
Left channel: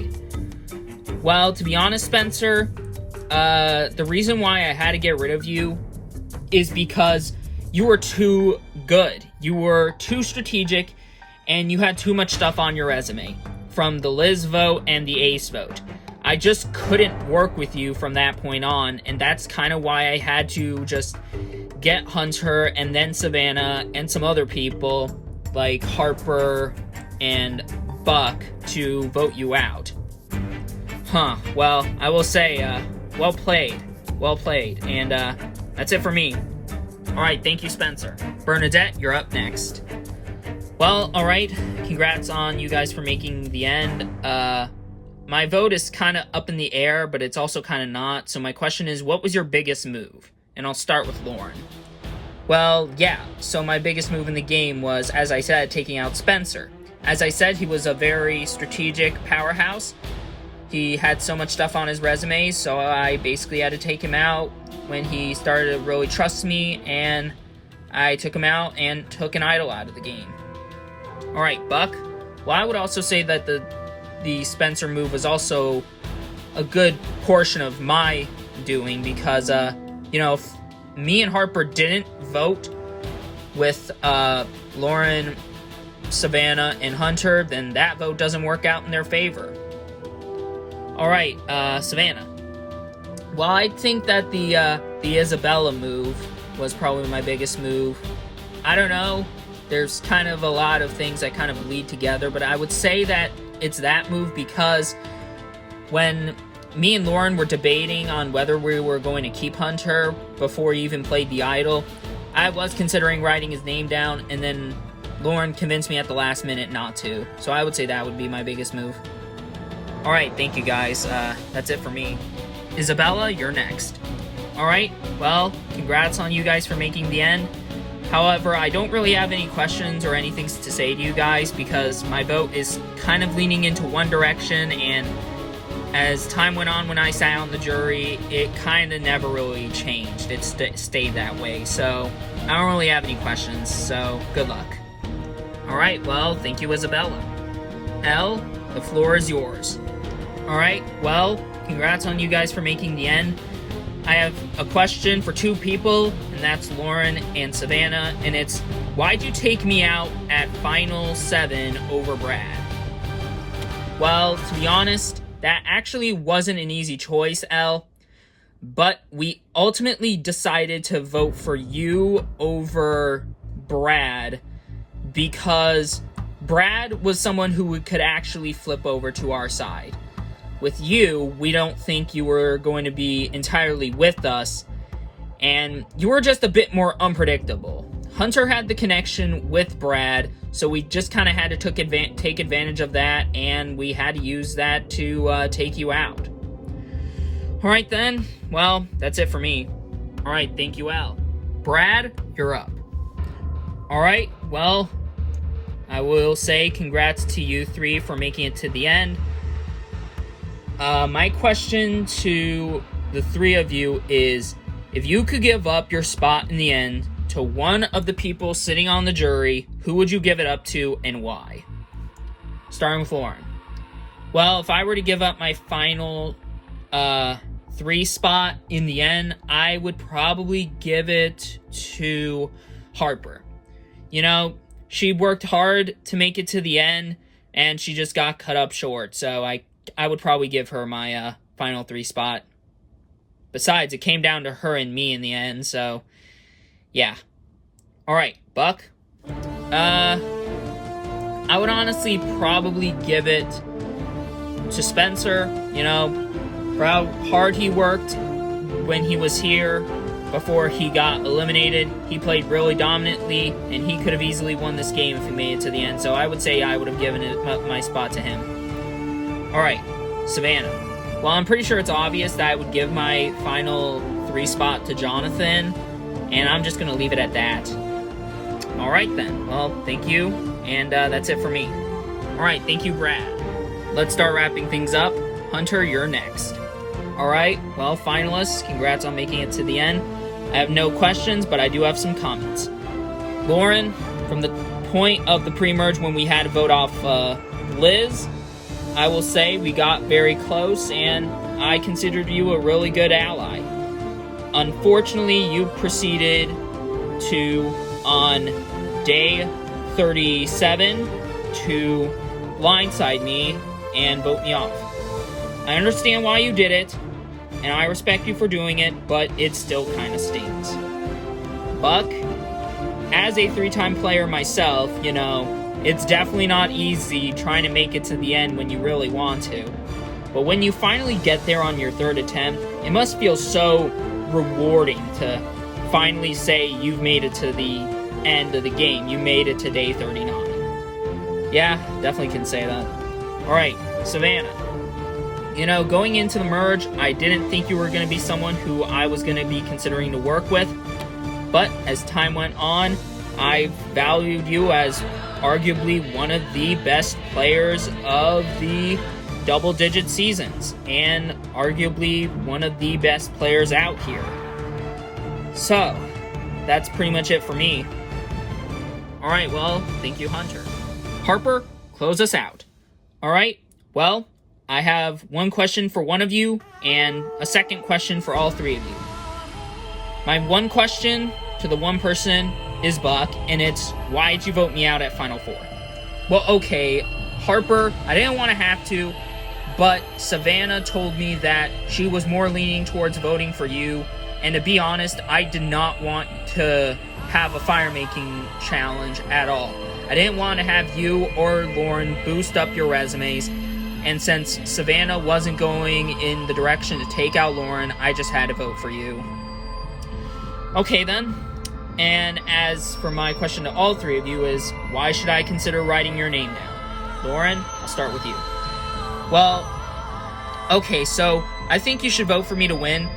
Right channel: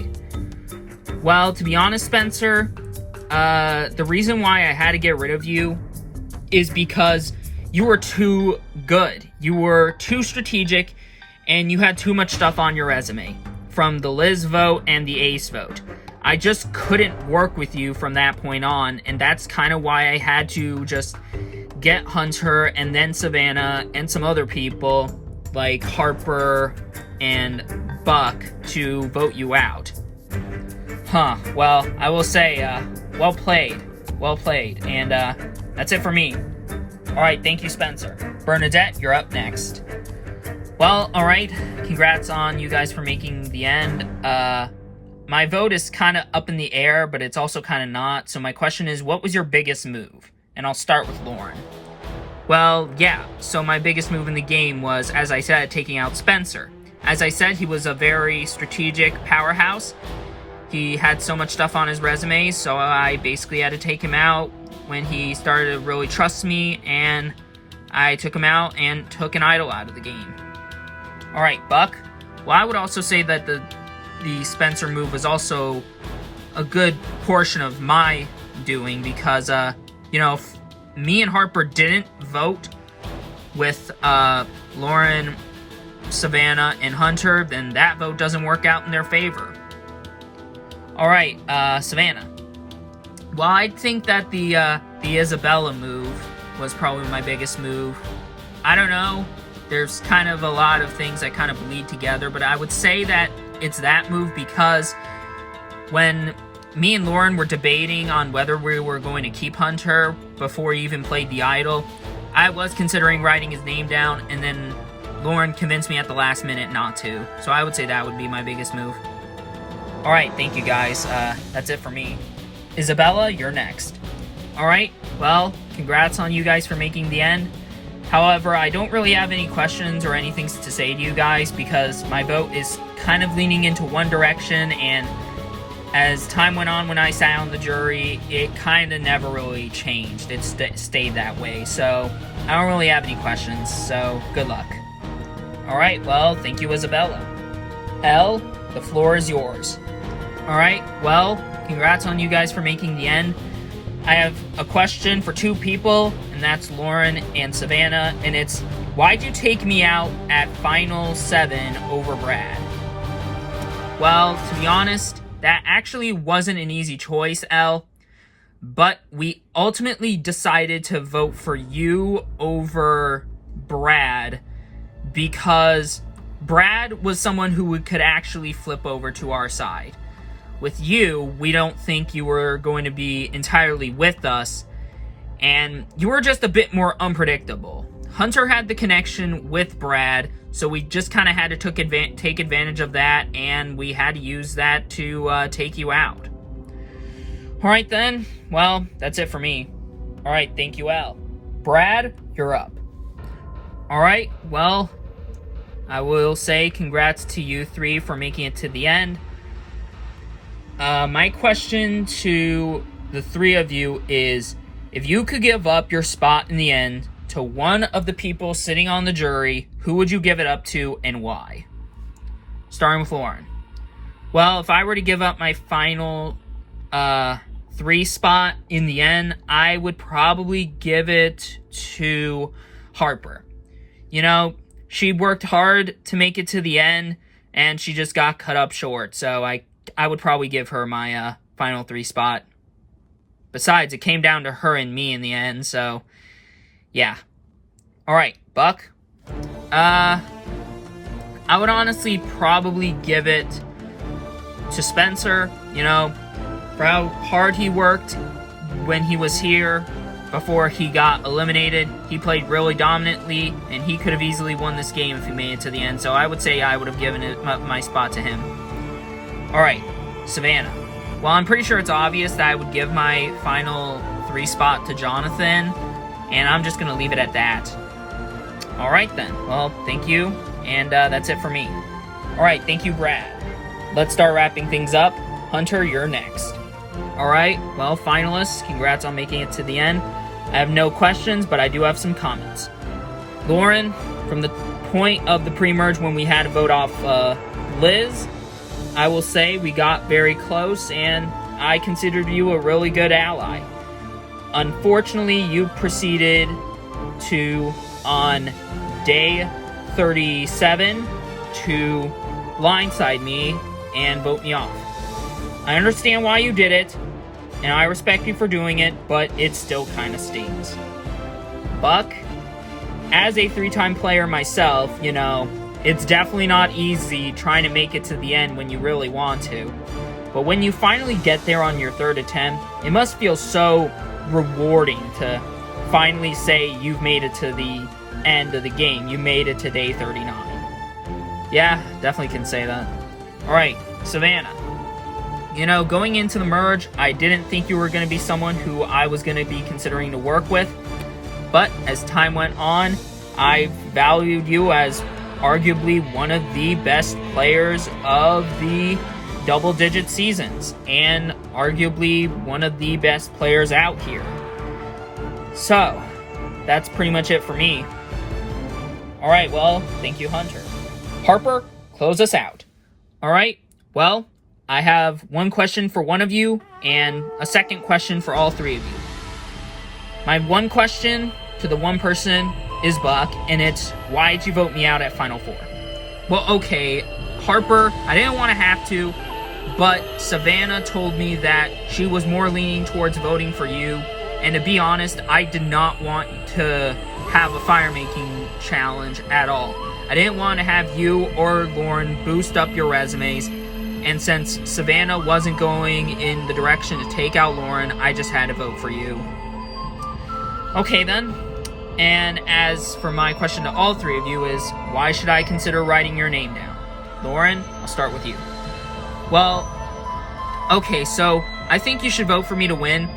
Well, to be honest, Spencer, the reason why I had to get rid of you is because you were too good. You were too strategic, and you had too much stuff on your resume from the Liz vote and the Ace vote. I just couldn't work with you from that point on, and that's kind of why I had to just get Hunter and then Savannah and some other people like Harper and Buck to vote you out. Well, I will say, well played, and that's it for me. Alright, thank you, Spencer. Bernadette, you're up next. Well, alright, congrats on you guys for making the end. My vote is kind of up in the air, but it's also kind of not, so my question is, what was your biggest move? And I'll start with Lauren. Well, yeah, so my biggest move in the game was, as I said, taking out Spencer. As I said, he was a very strategic powerhouse. He had so much stuff on his resume, so I basically had to take him out when he started to really trust me, and I took him out and took an idol out of the game. Alright, Buck. Well, I would also say that the Spencer move was also a good portion of my doing because, you know, if me and Harper didn't vote with Lauren, Savannah, and Hunter, then that vote doesn't work out in their favor. Alright, Savannah. Well, I think that the Isabella move was probably my biggest move. I don't know. There's kind of a lot of things that kind of bleed together, but I would say that it's that move because when me and Lauren were debating on whether we were going to keep Hunter before he even played the idol, I was considering writing his name down, and then Lauren convinced me at the last minute not to. So I would say that would be my biggest move. Alright, thank you guys. That's it for me. Isabella, you're next. Alright, well, congrats on you guys for making the end. However, I don't really have any questions or anything to say to you guys because my vote is kind of leaning into one direction, and as time went on when I sat on the jury, it kind of never really changed. It stayed that way, so I don't really have any questions, so good luck. Alright, well, thank you, Isabella. Elle, the floor is yours. Alright, well, congrats on you guys for making the end. I have a question for two people, and that's Lauren and Savannah, and it's, why'd you take me out at Final 7 over Brad? Well, to be honest, that actually wasn't an easy choice, Elle, but we ultimately decided to vote for you over Brad because Brad was someone who could actually flip over to our side. With you, we don't think you were going to be entirely with us, and you were just a bit more unpredictable. Hunter had the connection with Brad, so we just kind of had to take advantage of that, and we had to use that to take you out. Alright then, well, that's it for me. Alright, thank you, Elle. Brad, you're up. Alright, well, I will say congrats to you three for making it to the end. My question to the three of you is, if you could give up your spot in the end to one of the people sitting on the jury, who would you give it up to and why? Starting with Lauren. Well, if I were to give up my final 3 spot in the end, I would probably give it to Harper. You know, she worked hard to make it to the end, and she just got cut up short, so I would probably give her my final 3 spot. Besides, it came down to her and me in the end, so yeah. Alright, Buck. I would honestly probably give it to Spencer, you know, for how hard he worked when he was here before he got eliminated. He played really dominantly, and he could have easily won this game if he made it to the end, so I would say I would have given my spot to him. Alright, Savannah. Well, I'm pretty sure it's obvious that I would give my final 3 spot to Jonathan, and I'm just going to leave it at that. Alright then, well, thank you, and that's it for me. Alright, thank you, Brad. Let's start wrapping things up. Hunter, you're next. Alright, well, finalists, congrats on making it to the end. I have no questions, but I do have some comments. Lauren, from the point of the pre-merge when we had to vote off Liz, I will say we got very close, and I considered you a really good ally. Unfortunately, you proceeded to, on day 37, to blindside me and vote me off. I understand why you did it, and I respect you for doing it, but it still kind of stings. Buck, as a 3-time player myself, you know, it's definitely not easy trying to make it to the end when you really want to. But when you finally get there on your 3rd attempt, it must feel so rewarding to finally say you've made it to the end of the game. You made it to day 39. Yeah, definitely can say that. Alright, Savannah. You know, going into the merge, I didn't think you were going to be someone who I was going to be considering to work with. But as time went on, I valued you as arguably one of the best players of the double-digit seasons, and arguably one of the best players out here. So, that's pretty much it for me. Alright, well, thank you, Hunter. Harper, close us out. Alright, well, I have one question for one of you, and a second question for all 3 of you. My one question to the one person is Buck, and it's, why did you vote me out at Final Four? Well, okay, Harper, I didn't want to have to, but Savannah told me that she was more leaning towards voting for you, and to be honest, I did not want to have a fire-making challenge at all. I didn't want to have you or Lauren boost up your resumes, and since Savannah wasn't going in the direction to take out Lauren, I just had to vote for you. Okay then. And as for my question to all 3 of you is, why should I consider writing your name down? Lauren, I'll start with you. Well, okay, so I think you should vote for me to win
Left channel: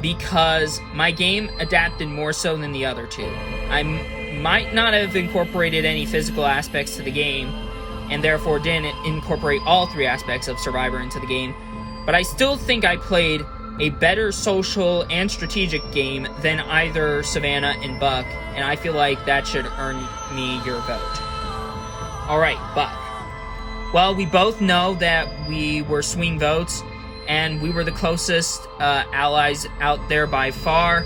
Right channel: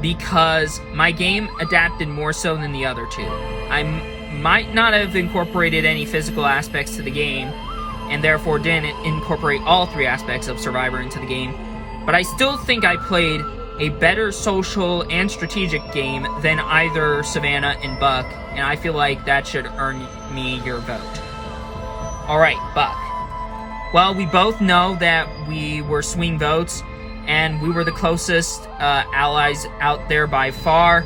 because my game adapted more so than the other 2. I might not have incorporated any physical aspects to the game, and therefore didn't incorporate all 3 aspects of Survivor into the game, but I still think I played a better social and strategic game than either Savannah and Buck, and I feel like that should earn me your vote. Alright, Buck. Well, we both know that we were swing votes, and we were the closest allies out there by far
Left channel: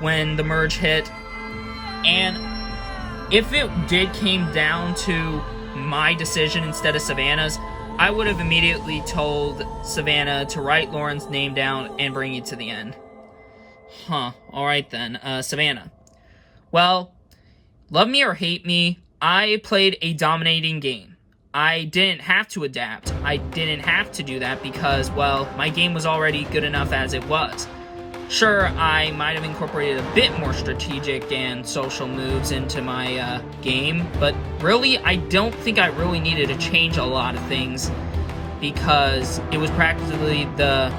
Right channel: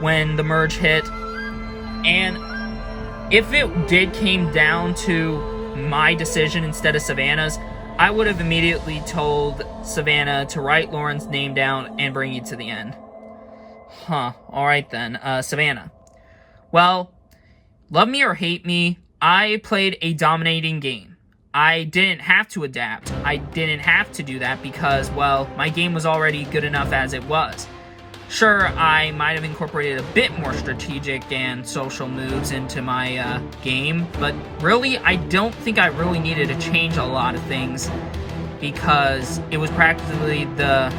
when the merge hit, and if it did came down to my decision instead of Savannah's, I would have immediately told Savannah to write Lauren's name down and bring you to the end. Huh, alright then. Savannah. Well, love me or hate me, I played a dominating game. I didn't have to adapt. I didn't have to do that because, well, my game was already good enough as it was. Sure, I might have incorporated a bit more strategic and social moves into my game, but really, I don't think I really needed to change a lot of things because it was practically the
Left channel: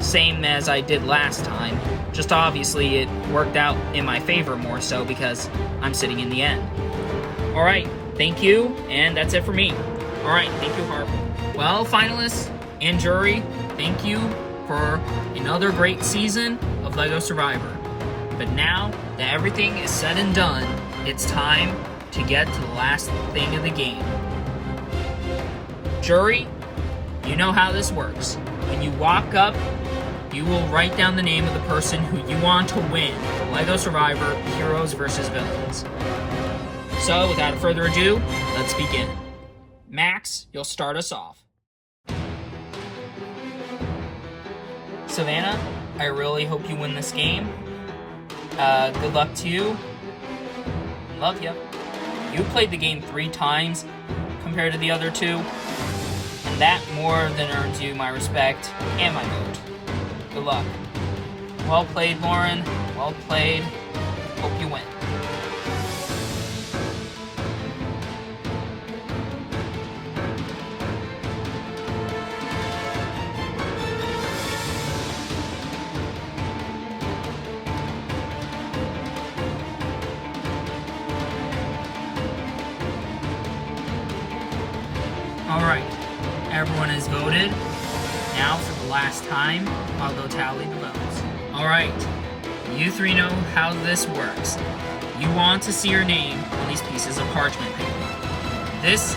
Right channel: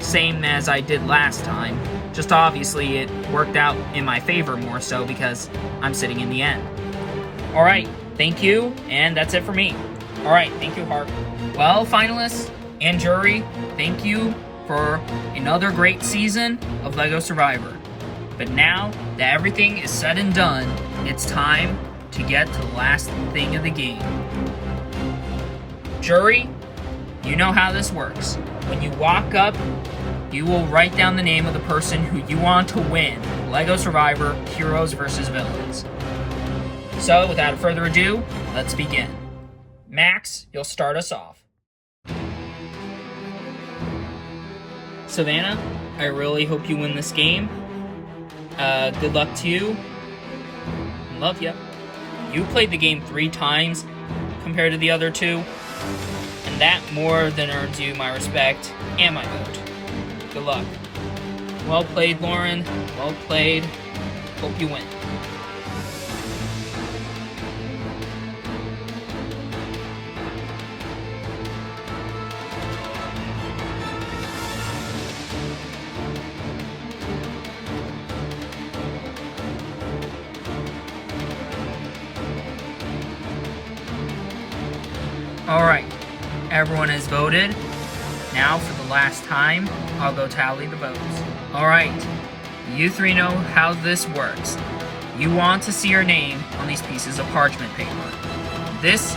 same as I did last time. Just obviously, it worked out in my favor more so because I'm sitting in the end. Alright, thank you, and that's it for me. Alright, thank you, Harper. Well, finalists and jury, thank you for another great season of LEGO Survivor. But now that everything is said and done, it's time to get to the last thing of the game. Jury, you know how this works. When you walk up, you will write down the name of the person who you want to win LEGO Survivor Heroes vs. Villains. So, without further ado, let's begin. Max, you'll start us off. Savannah, I really hope you win this game. Good luck to you. Love ya. You played the game 3 times compared to the other 2, and that more than earns you my respect and my vote. Good luck. Well played, Lauren. Well played. Hope you win. Alright, everyone has voted. Now, for the last time, I'll go tally the votes. Alright, you 3 know how this works. You want to see your name on these pieces of parchment paper. This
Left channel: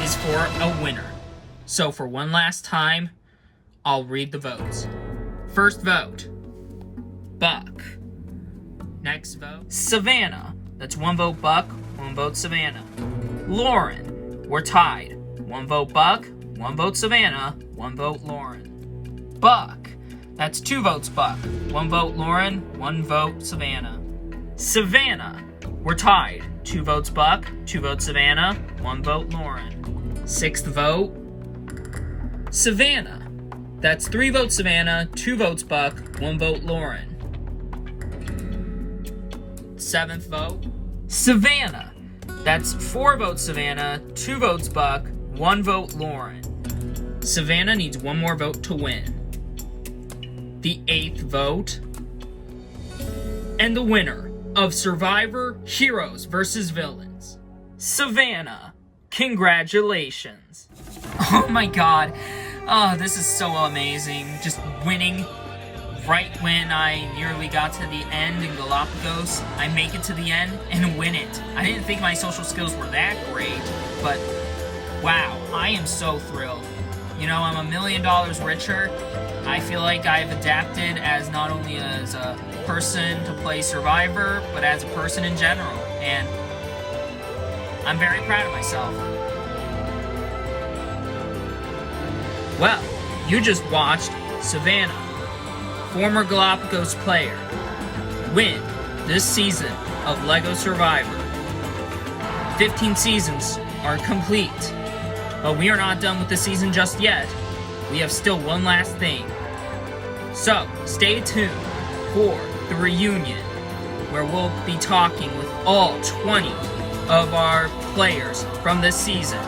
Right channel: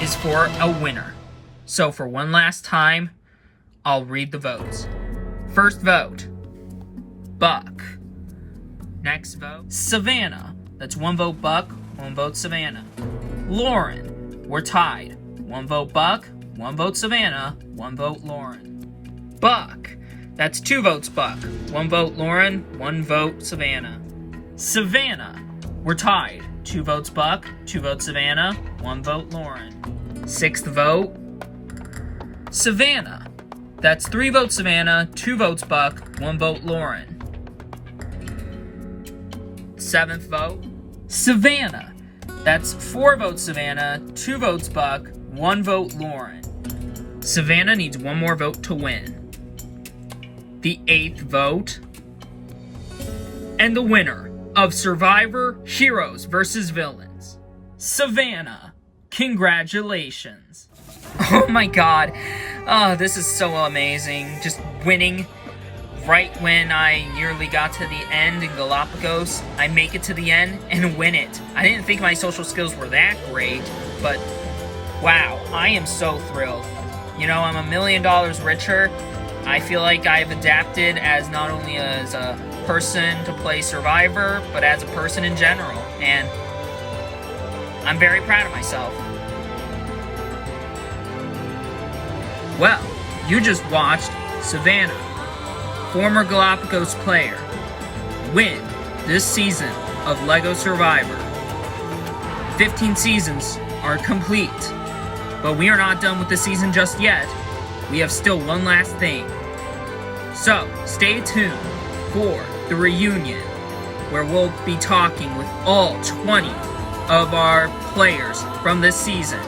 is for a winner. So for one last time, I'll read the votes. First vote, Buck. Next vote, Savannah. That's 1 vote Buck, 1 vote Savannah. Lauren, we're tied. 1 vote Buck, 1 vote Savannah, 1 vote Lauren. Buck, that's 2 votes Buck, 1 vote Lauren, 1 vote Savannah. Savannah, we're tied. 2 votes Buck, 2 votes Savannah, 1 vote Lauren. 6th vote, Savannah. That's 3 votes Savannah, 2 votes Buck, 1 vote Lauren. 7th vote, Savannah. That's 4 votes Savannah, 2 votes Buck, 1 vote Lauren. Savannah needs 1 more vote to win. The 8th vote, and the winner of Survivor Heroes vs. Villains, Savannah. Congratulations. Oh my god. Oh, this is so amazing. Just winning right when I nearly got to the end in Galapagos. I make it to the end and win it. I didn't think my social skills were that great, but wow, I am so thrilled. You know, I'm $1 million richer. I feel like I've adapted as not only as a person to play Survivor, but as a person in general. And I'm very proud of myself. Well, you just watched Savannah, former Galapagos player, win this season of LEGO Survivor. 15 seasons are complete, but we are not done with the season just yet. We have still one last thing. So, stay tuned for the reunion, where we'll be talking with all 20 of our players from this season.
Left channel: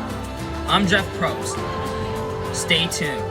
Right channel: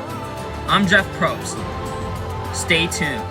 I'm Jeff Probst. Stay tuned.